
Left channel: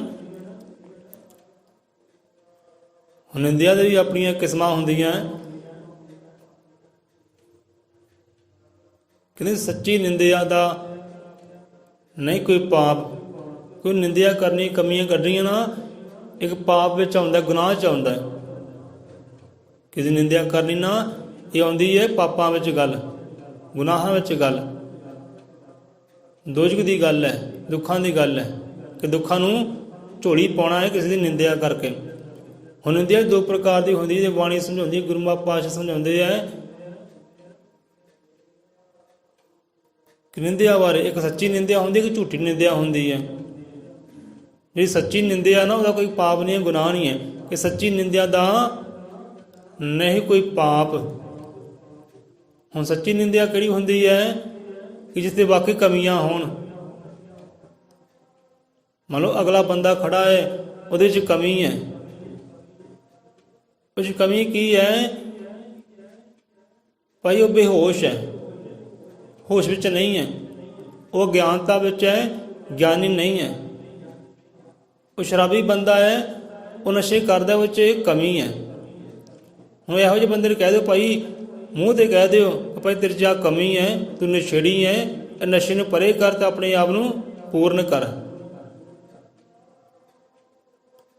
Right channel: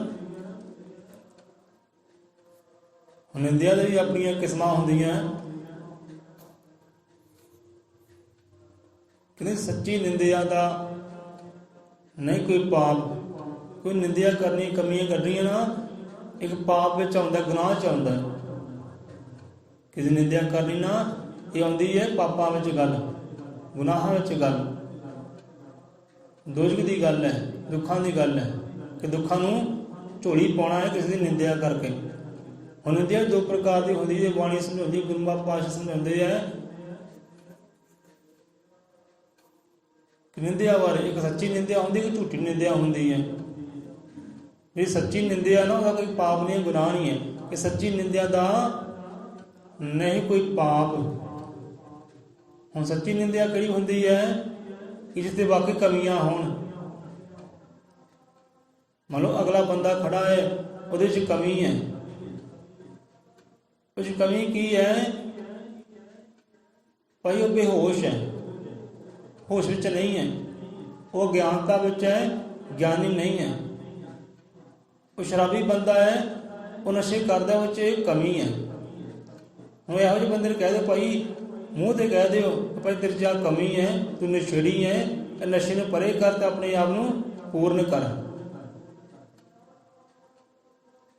ਹੁਣ ਨਿੰਦਿਆ ਦੇ ਵੀ ਆਪਣੀਆਂ ਕਿਸਮਾਂ ਹੁੰਦੀਆਂ। ਕਹਿੰਦੇ ਸੱਚੀ ਨਿੰਦਿਆ ਦਾ ਨਹੀਂ ਕੋਈ ਪਾਪ, ਕੋਈ ਨਿੰਦਿਆ ਕਰਨੀ, ਕਮੀਆਂ ਕੱਢਣੀਆਂ ਨਾ, ਇੱਕ ਪਾਪ ਵਿੱਚ ਆਉਂਦਾ, ਗੁਨਾਹ 'ਚ ਆਉਂਦਾ। ਕਿਸੇ ਨਿੰਦਿਆ ਕਰਨੀ ਨਾ, ਇਹ ਆਉਂਦੀ ਹੈ ਪਾਪਾਂ ਵਿੱਚ ਗੱਲ, ਗੁਨਾਹਾਂ ਵਿੱਚ ਗੱਲ, ਦੋਜ਼ਖ ਦੀ ਗੱਲ ਹੈ, ਦੁੱਖਾਂ ਦੀ ਗੱਲ ਹੈ, ਕਿ ਦੁੱਖਾਂ ਨੂੰ ਝੋਲੀ ਪਾਉਣਾ ਹੈ ਕਿਸੇ ਦੀ ਨਿੰਦਿਆ ਕਰਕੇ। ਹੁਣ ਨਿੰਦਿਆ ਦੋ ਪ੍ਰਕਾਰ ਦੀ ਹੁੰਦੀ, ਜੇ ਬਾਣੀ ਸਮਝਾਉਂਦੀ, ਗੁਰੂ ਪਾਤਸ਼ਾਹ ਸਮਝਾਉਂਦੇ ਹੈ ਕਿ ਨਿੰਦਿਆ ਬਾਰੇ। ਇੱਕ ਸੱਚੀ ਨਿੰਦਿਆ ਹੁੰਦੀ, ਇੱਕ ਝੂਠੀ ਨਿੰਦਿਆ ਹੁੰਦੀ ਹੈ। ਜਿਹੜੀ ਸੱਚੀ ਨਿੰਦਿਆ ਨਾ, ਉਹਦਾ ਕੋਈ ਪਾਪ ਨਹੀਂ ਹੈ, ਗੁਨਾਹ ਨਹੀਂ ਹੈ। ਕਿ ਸੱਚੀ ਨਿੰਦਿਆ ਦਾ ਨਹੀਂ ਕੋਈ ਪਾਪ। ਹੁਣ ਸੱਚੀ ਨਿੰਦਿਆ ਕਿਹੜੀ ਹੁੰਦੀ ਹੈ? ਕਿ ਜਿਸ 'ਤੇ ਵਾਕਈ ਕਮੀਆਂ ਹੋਣ। ਮੰਨ ਲਓ ਅਗਲਾ ਬੰਦਾ ਖੜਾ ਹੈ, ਉਹਦੇ 'ਚ ਕਮੀ ਹੈ। ਉਸ ਕਮੀ ਕੀ ਹੈ ਭਾਈ? ਉਹ ਬੇਹੋਸ਼ ਹੈ, ਹੋਸ਼ ਵਿੱਚ ਨਹੀਂ ਹੈ, ਉਹ ਗਿਆਨਤਾ ਵਿੱਚ ਹੈ, ਗਿਆਨੀ ਨਹੀਂ ਹੈ। ਉਹ ਸ਼ਰਾਬੀ ਬੰਦਾ ਹੈ, ਉਹ ਨਸ਼ੇ ਕਰਦਾ, ਉਹ 'ਚ ਕਮੀ ਹੈ। ਹੁਣ ਇਹੋ ਜਿਹੇ ਬੰਦੇ ਨੂੰ ਕਹਿ ਦਿਓ ਭਾਈ, ਮੂੰਹ 'ਤੇ ਕਹਿ ਦਿਓ ਕਿ ਭਾਈ ਤੇਰੇ 'ਚ ਆਹ ਕਮੀ ਹੈ, ਤੂੰ ਨਸ਼ੇੜੀ ਹੈ, ਇਹ ਨਸ਼ੇ ਨੂੰ ਪਰੇ ਕਰ ਅਤੇ ਆਪਣੇ ਆਪ ਨੂੰ ਪੂਰਨ ਕਰ।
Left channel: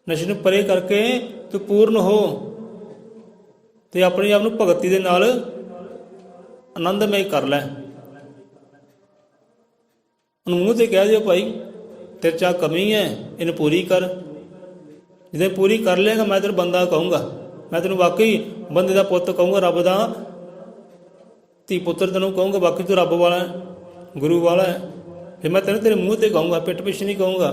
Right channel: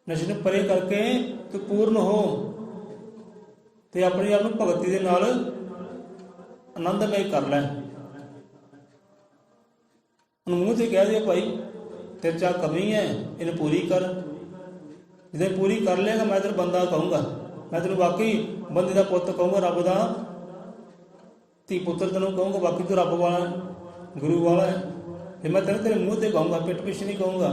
ਨਸ਼ੇ ਨੂੰ ਪਰੇ ਕਰਕੇ ਤੂੰ ਪੂਰਨ ਹੋ ਅਤੇ ਆਪਣੇ ਆਪ ਨੂੰ ਭਗਤੀ ਦੇ ਨਾਲ ਆਨੰਦਮਈ ਕਰ ਲੈ। ਉਹਨੂੰ ਮੂੰਹ 'ਤੇ ਕਹਿ ਦਿਓ ਭਾਈ ਤੇਰੇ 'ਚ ਕਮੀ ਹੈ, ਇਹਨੂੰ ਪੂਰੀ ਕਰ। ਜਦੋਂ ਪੂਰੀ ਕਰ ਲਏਗਾ ਮੈਂ ਤੈਨੂੰ ਬੰਦਾ ਕਹੂੰਗਾ, ਮੈਂ ਤੈਨੂੰ ਵਾਕਈ ਬੰਦੇ ਦਾ ਪੁੱਤ ਕਹੂੰਗਾ, ਰੱਬ ਦਾ ਧੀ ਪੁੱਤਰ ਤੈਨੂੰ ਕਹੂੰਗਾ, ਬਾਕੀ ਤੂੰ ਰੱਬ ਵਾਲਾ, ਗੁਰੂ ਵਾਲਾ ਹੈ। ਫਿਰ ਮੈਂ ਤੈਨੂੰ ਤੇਰੇ ਮੂੰਹ 'ਤੇ ਕਹੂੰਗਾ, ਪਿੱਠ ਪਿੱਛੇ ਨਹੀਂ ਕਹੂੰਗਾ।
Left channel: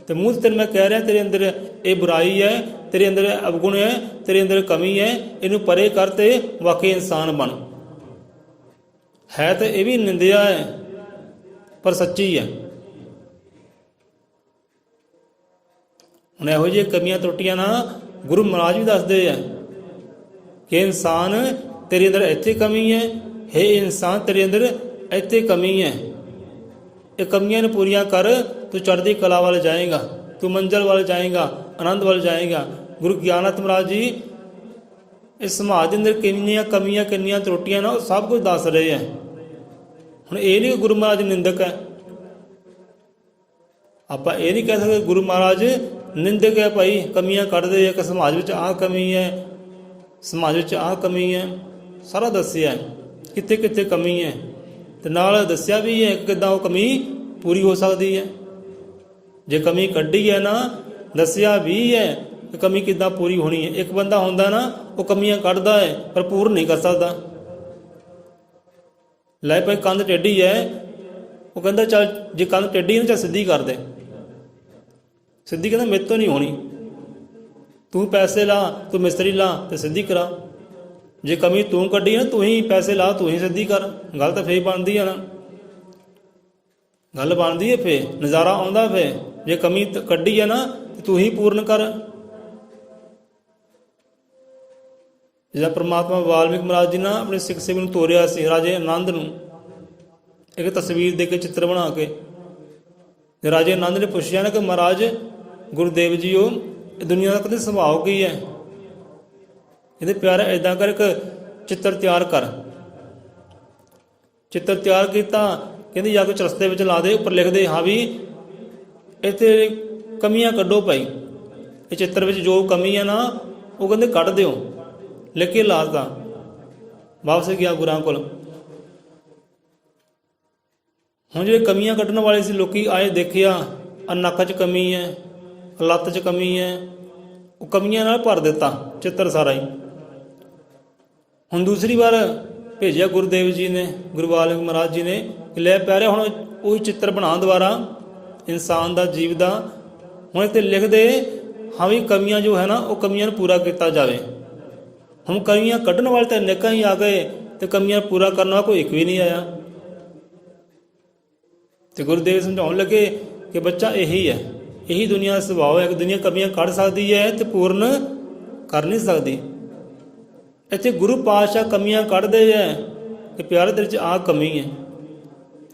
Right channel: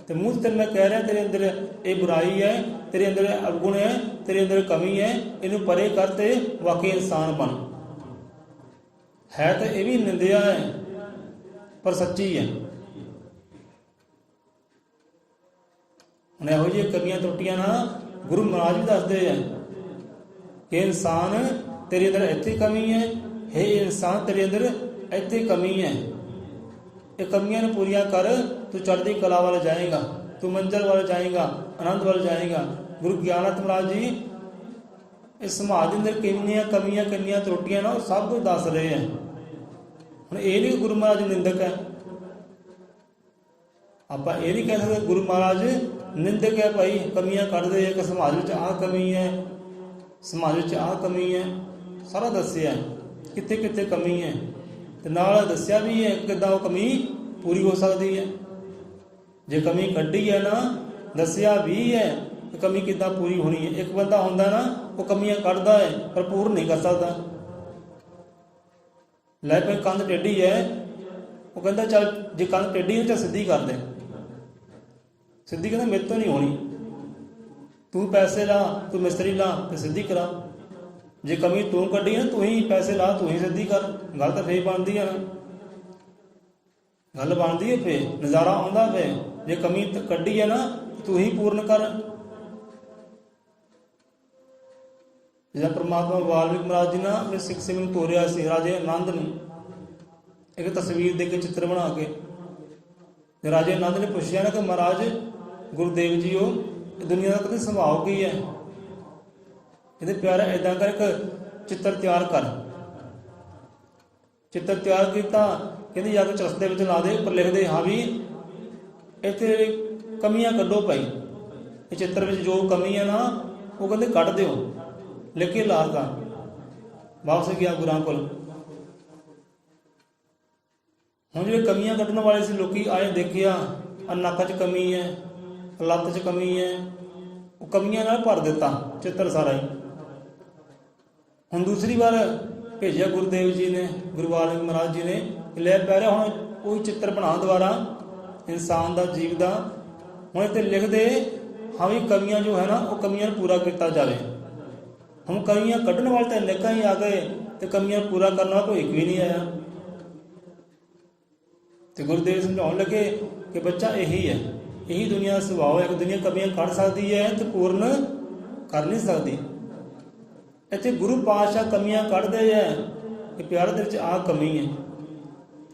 ਅਤੇ ਮੂੰਹ 'ਤੇ ਤੈਨੂੰ ਮੈਂ ਕਹਿ ਰਿਹਾ ਤੇਰੇ ਅੰਦਰ ਇਹ ਬੁਰਾਈ ਹੈ, ਤੇਰੇ ਅੰਦਰ ਅਵਗੁਣ ਹੈ, ਤੇਰੇ ਅੰਦਰ ਕਮੀ ਹੈ, ਇਹਨੂੰ ਪਰੇ ਕਰ ਅਤੇ ਵਾਕਈ ਇਨਸਾਨ ਬਣ। ਹੈ ਤਾਂ ਇਹ ਵੀ ਨਿੰਦਿਆ ਹੈ ਪਰ ਸੱਚੀ ਹੈ। ਹੁਣ ਇਹੋ ਜਿਹੀਆਂ ਕਮੀਆਂ ਤਰੁੱਟੀਆਂ ਨਾ ਗੁਰੂ ਮਹਾਰਾਜ ਵੀ ਦੱਸਦੇ ਆ ਕਿ ਇਨਸਾਨ ਤੇਰੇ ਅੰਦਰ ਇੱਥੇ ਕਮੀ ਹੈ, ਹੇ ਇਨਸਾਨ ਤੇਰੇ ਅੰਦਰ ਇੱਥੇ ਕਮੀ ਹੈ, ਇਹ ਕਮੀਆਂ ਨੂੰ ਪੂਰੀਆਂ ਕਰ, ਤੂੰ ਚੜ੍ਹਦੀ ਕਲਾ ਵੱਲ ਜਾਏਗਾ, ਤੂੰ ਮੰਜ਼ਿਲ ਵੱਲ ਜਾਏਗਾ, ਆਨੰਦ ਵੱਲ ਜਾਏਗਾ। ਗੁਰੂ ਗਿਆਨਤ ਮਹਾਰਾਜ ਜੀ ਇਸ ਸਮਾਜ ਦੇ ਅੰਦਰ ਕਿੰਨੀਆਂ ਕਮੀਆਂ ਕਿੰਨੀਆਂ ਤਰੁੱਟੀਆਂ ਨਾ ਉਹ ਸਭ ਕੁਝ ਦੱਸ ਰਹੇ ਆ। ਹੁਣ ਇਹ ਨਹੀਂ ਗੁਰੂ ਮਹਾਰਾਜ ਨਿੰਦਕ ਹੈ, ਆਪਾਂ ਇਹ ਨਹੀਂ ਕਹਿ ਸਕਦੇ ਗੁਰੂ ਮਹਾਰਾਜ ਨਿੰਦਕ ਹੈ ਭਾਈ, ਕਮੀਆਂ ਕੱਢਦੇ ਆ ਕਿ ਸਮਾਜ ਵਿੱਚ ਆਹ ਕਮੀ ਹੈ, ਸਮਾਜ ਵਿੱਚ ਆਹ ਕਮੀ ਹੈ, ਸਾਰਾ ਦੱਸਿਆ ਕਿੱਥੇ ਕਿੱਥੇ ਕਮੀ ਹੈ ਤੇ ਨਾਲ ਦੱਸਿਆ ਵੀ ਹੈ ਕਿੱਦਾਂ ਉਹ ਕਮੀ ਪੂਰੀ ਹੋ ਸਕਦੀ ਹੈ। ਜੇ ਕਮੀ ਕੱਢੀ ਹੈ ਨਾ ਦੱਸਿਆ ਵੀ ਹੈ ਕਿ ਕਮੀ ਕਿੱਦਾਂ ਪੂਰੀ ਹੋਣੀ ਹੈ। ਇੱਕ ਬੰਦਾ ਹੁੰਦਾ ਨਾ ਉਹ ਕਮੀਆਂ ਕੱਢਦਾ ਹੈ ਪਰ ਪੂਰਨ ਨਹੀਂ ਕਰ ਸਕਦਾ। ਲੈ ਭਾਈ ਕੰਧ ਟੇਢੀ ਹੈ, ਉਹ ਕਹਿੰਦਾ ਚੱਲ ਜੇ ਕੰਧ ਟੇਢੀ ਹੈ ਤਾਂ ਸਿੱਧੀ ਕਰ ਦੇ, ਸਿੱਧੀ ਕਹਿੰਦਾ ਮੇਰੇ ਤੋਂ ਨਹੀਂ ਹੋਣੀ, ਤੂੰ ਪੈਸੇ ਲਾ, ਤੂੰ ਮਿਸਤਰੀ ਲਾ ਤੇ ਸਿੱਧੀ ਕਰਾ। ਜੇ ਕਮੀ ਤੂੰ ਕੱਢੀ ਨਾ ਤੂੰ ਹੀ ਪੈਸੇ ਲਾ, ਤੂੰ ਹੀ ਸਿੱਧੀ ਕਰ, ਗੱਲ ਤਾਂ ਫੇਰ ਬਣਦੀ ਆ ਨਾ, ਗੱਲ ਬਣਦੀ ਹੈ ਫੇਰ, ਨਜ਼ਾਰਾ ਆਉਂਦਾ ਫੇਰ। ਜੇ ਕਮੀ ਕੱਢੀ ਹੈ ਨਾ ਤੂੰ ਹੀ ਪੂਰਨ ਕਰ। ਜਿੱਦਾਂ ਪਰਮਾਤਮਾ ਵਾਲਮੀਕ ਮਹਾਰਾਜ ਜੀ ਨਾ ਆਪਣੇ ਸਿੱਖ ਸੇਵਕ ਨੂੰ ਤੋਰਿਆ ਸੀ, ਰਾਜੇ ਆਨੰਦ ਨੂੰ ਇੱਕ ਤਸਵੀਰ ਦੇ ਕੇ ਚਿੱਤਰ ਬਣਾ ਕੇ। ਰਾਜੇ ਆਨੰਦ ਨੇ ਪੁੱਛਿਆ ਨਾ ਕਿ ਮਹਾਰਾਜ ਗੁਰੂਦੇਵ ਜੀ ਉਹ ਦੁਨੀਆ ਦਾ ਕਦੇ ਸੁਭਾਅ ਕੀ ਹੈ, ਇਹਦੇ ਪਿਆਰਾ ਏਦਾਂ ਕਰ ਇੱਕ ਚਿੱਤਰ ਤਿਆਰ ਕਰ। ਚਿੱਤਰ ਤਿਆਰ ਕੀਤਾ, ਕਹਿੰਦੀ ਜਾ ਕੇ ਚਰਖੇ ਵਿੱਚ ਲਾ ਦੇ, ਉੱਪਰ ਲਿਖਦੇ ਹਾਂ ਵੀ ਇੱਥੇ ਕਮੀਆਂ ਕੱਢੋ ਭਾਈ, ਇਹ ਚਿੱਤਰ ਵਿੱਚ ਜੋ ਕਮੀ ਹੈ ਨਾ ਉਹ ਕਹਿੰਦੇ ਕੱਢ ਦਿਓ, ਲਿਖ ਕੇ ਲਾਤਾ। ਵਾਪਸ ਗਿਆ ਗੁਰਾਂ ਕੋਲ। ਹੁਣ ਜਿਹੜੇ ਕਮੀਆਂ ਕੱਢਣ ਵਾਲੇ ਸੀ ਲੋਕੀ ਆਏ, ਦੇਖਿਆ ਨੱਕ 'ਚ ਕਮੀ ਹੈ, ਲੱਤ 'ਚ ਕਮੀ ਹੈ, ਉਹ ਕਮੀਆਂ ਨਾਲ ਭਰ ਦਿੱਤਾ ਚਿੱਤਰ ਸਾਰਾ ਹੀ। ਹੁਣ ਦੂਸਰੀ ਵਾਰ ਭੇਜਿਆ ਗੁਰੂਦੇਵ ਜੀ ਨੇ, ਗੁਰੂ ਵਾਲਮੀਕ ਮਹਾਰਾਜ ਜੀ ਨੇ ਕਿ ਲੈ ਪਿਆਰਿਆ ਹੁਣ ਉਹੀ ਚਿੱਤਰ ਬਣਾ ਦੁਬਾਰਾ ਇਨਸਾਨ ਦਾ, ਜੀਵ ਦਾ। ਹੁਣ ਇੱਥੇ ਲਿਖ ਦੇ ਹਾਂ ਵੀ ਕਮੀਆਂ ਜੋ ਹੈ ਨਾ ਉਹ ਕਮੀਆਂ ਨੂੰ ਪੂਰਾ ਕੀਤਾ ਜਾਵੇ। ਹੁਣ ਕਮੀਆਂ ਕੱਢਣ ਵਾਲੇ ਤਾਂ ਅਨੇਕਾਂ ਹੀ ਆ ਗਏ ਤੇ ਕਮੀਆਂ ਪੂਰਾ ਕਰਨ ਵਾਲਾ ਕੋਈ ਇੱਕ ਵੀ ਨਹੀਂ ਆਇਆ। ਤੇ ਗੁਰੂਦੇਵ ਸਮਝਾਉਣ ਲੱਗੇ ਕਿ ਬੱਚਾ ਇਹੀ ਹੈ, ਇਹੀ ਦੁਨੀਆ ਦਾ ਸੁਭਾਅ ਹੈ ਕਿ ਦੁਨੀਆ ਕਮੀਆਂ ਕੱਢ ਸਕਦੀ ਹੈ ਤੇ ਪੂਰਨ ਕਰ ਨਹੀਂ ਸਕਦੀ। ਇੱਥੇ ਗੁਰੂ ਪਾਤਸ਼ਾਹ ਕਮੀਆਂ ਕੱਢਦੇ ਹੈ ਕਿ ਪਿਆਰੇ ਤੇਰੇ 'ਚ ਆਹ ਕਮੀ ਹੈ,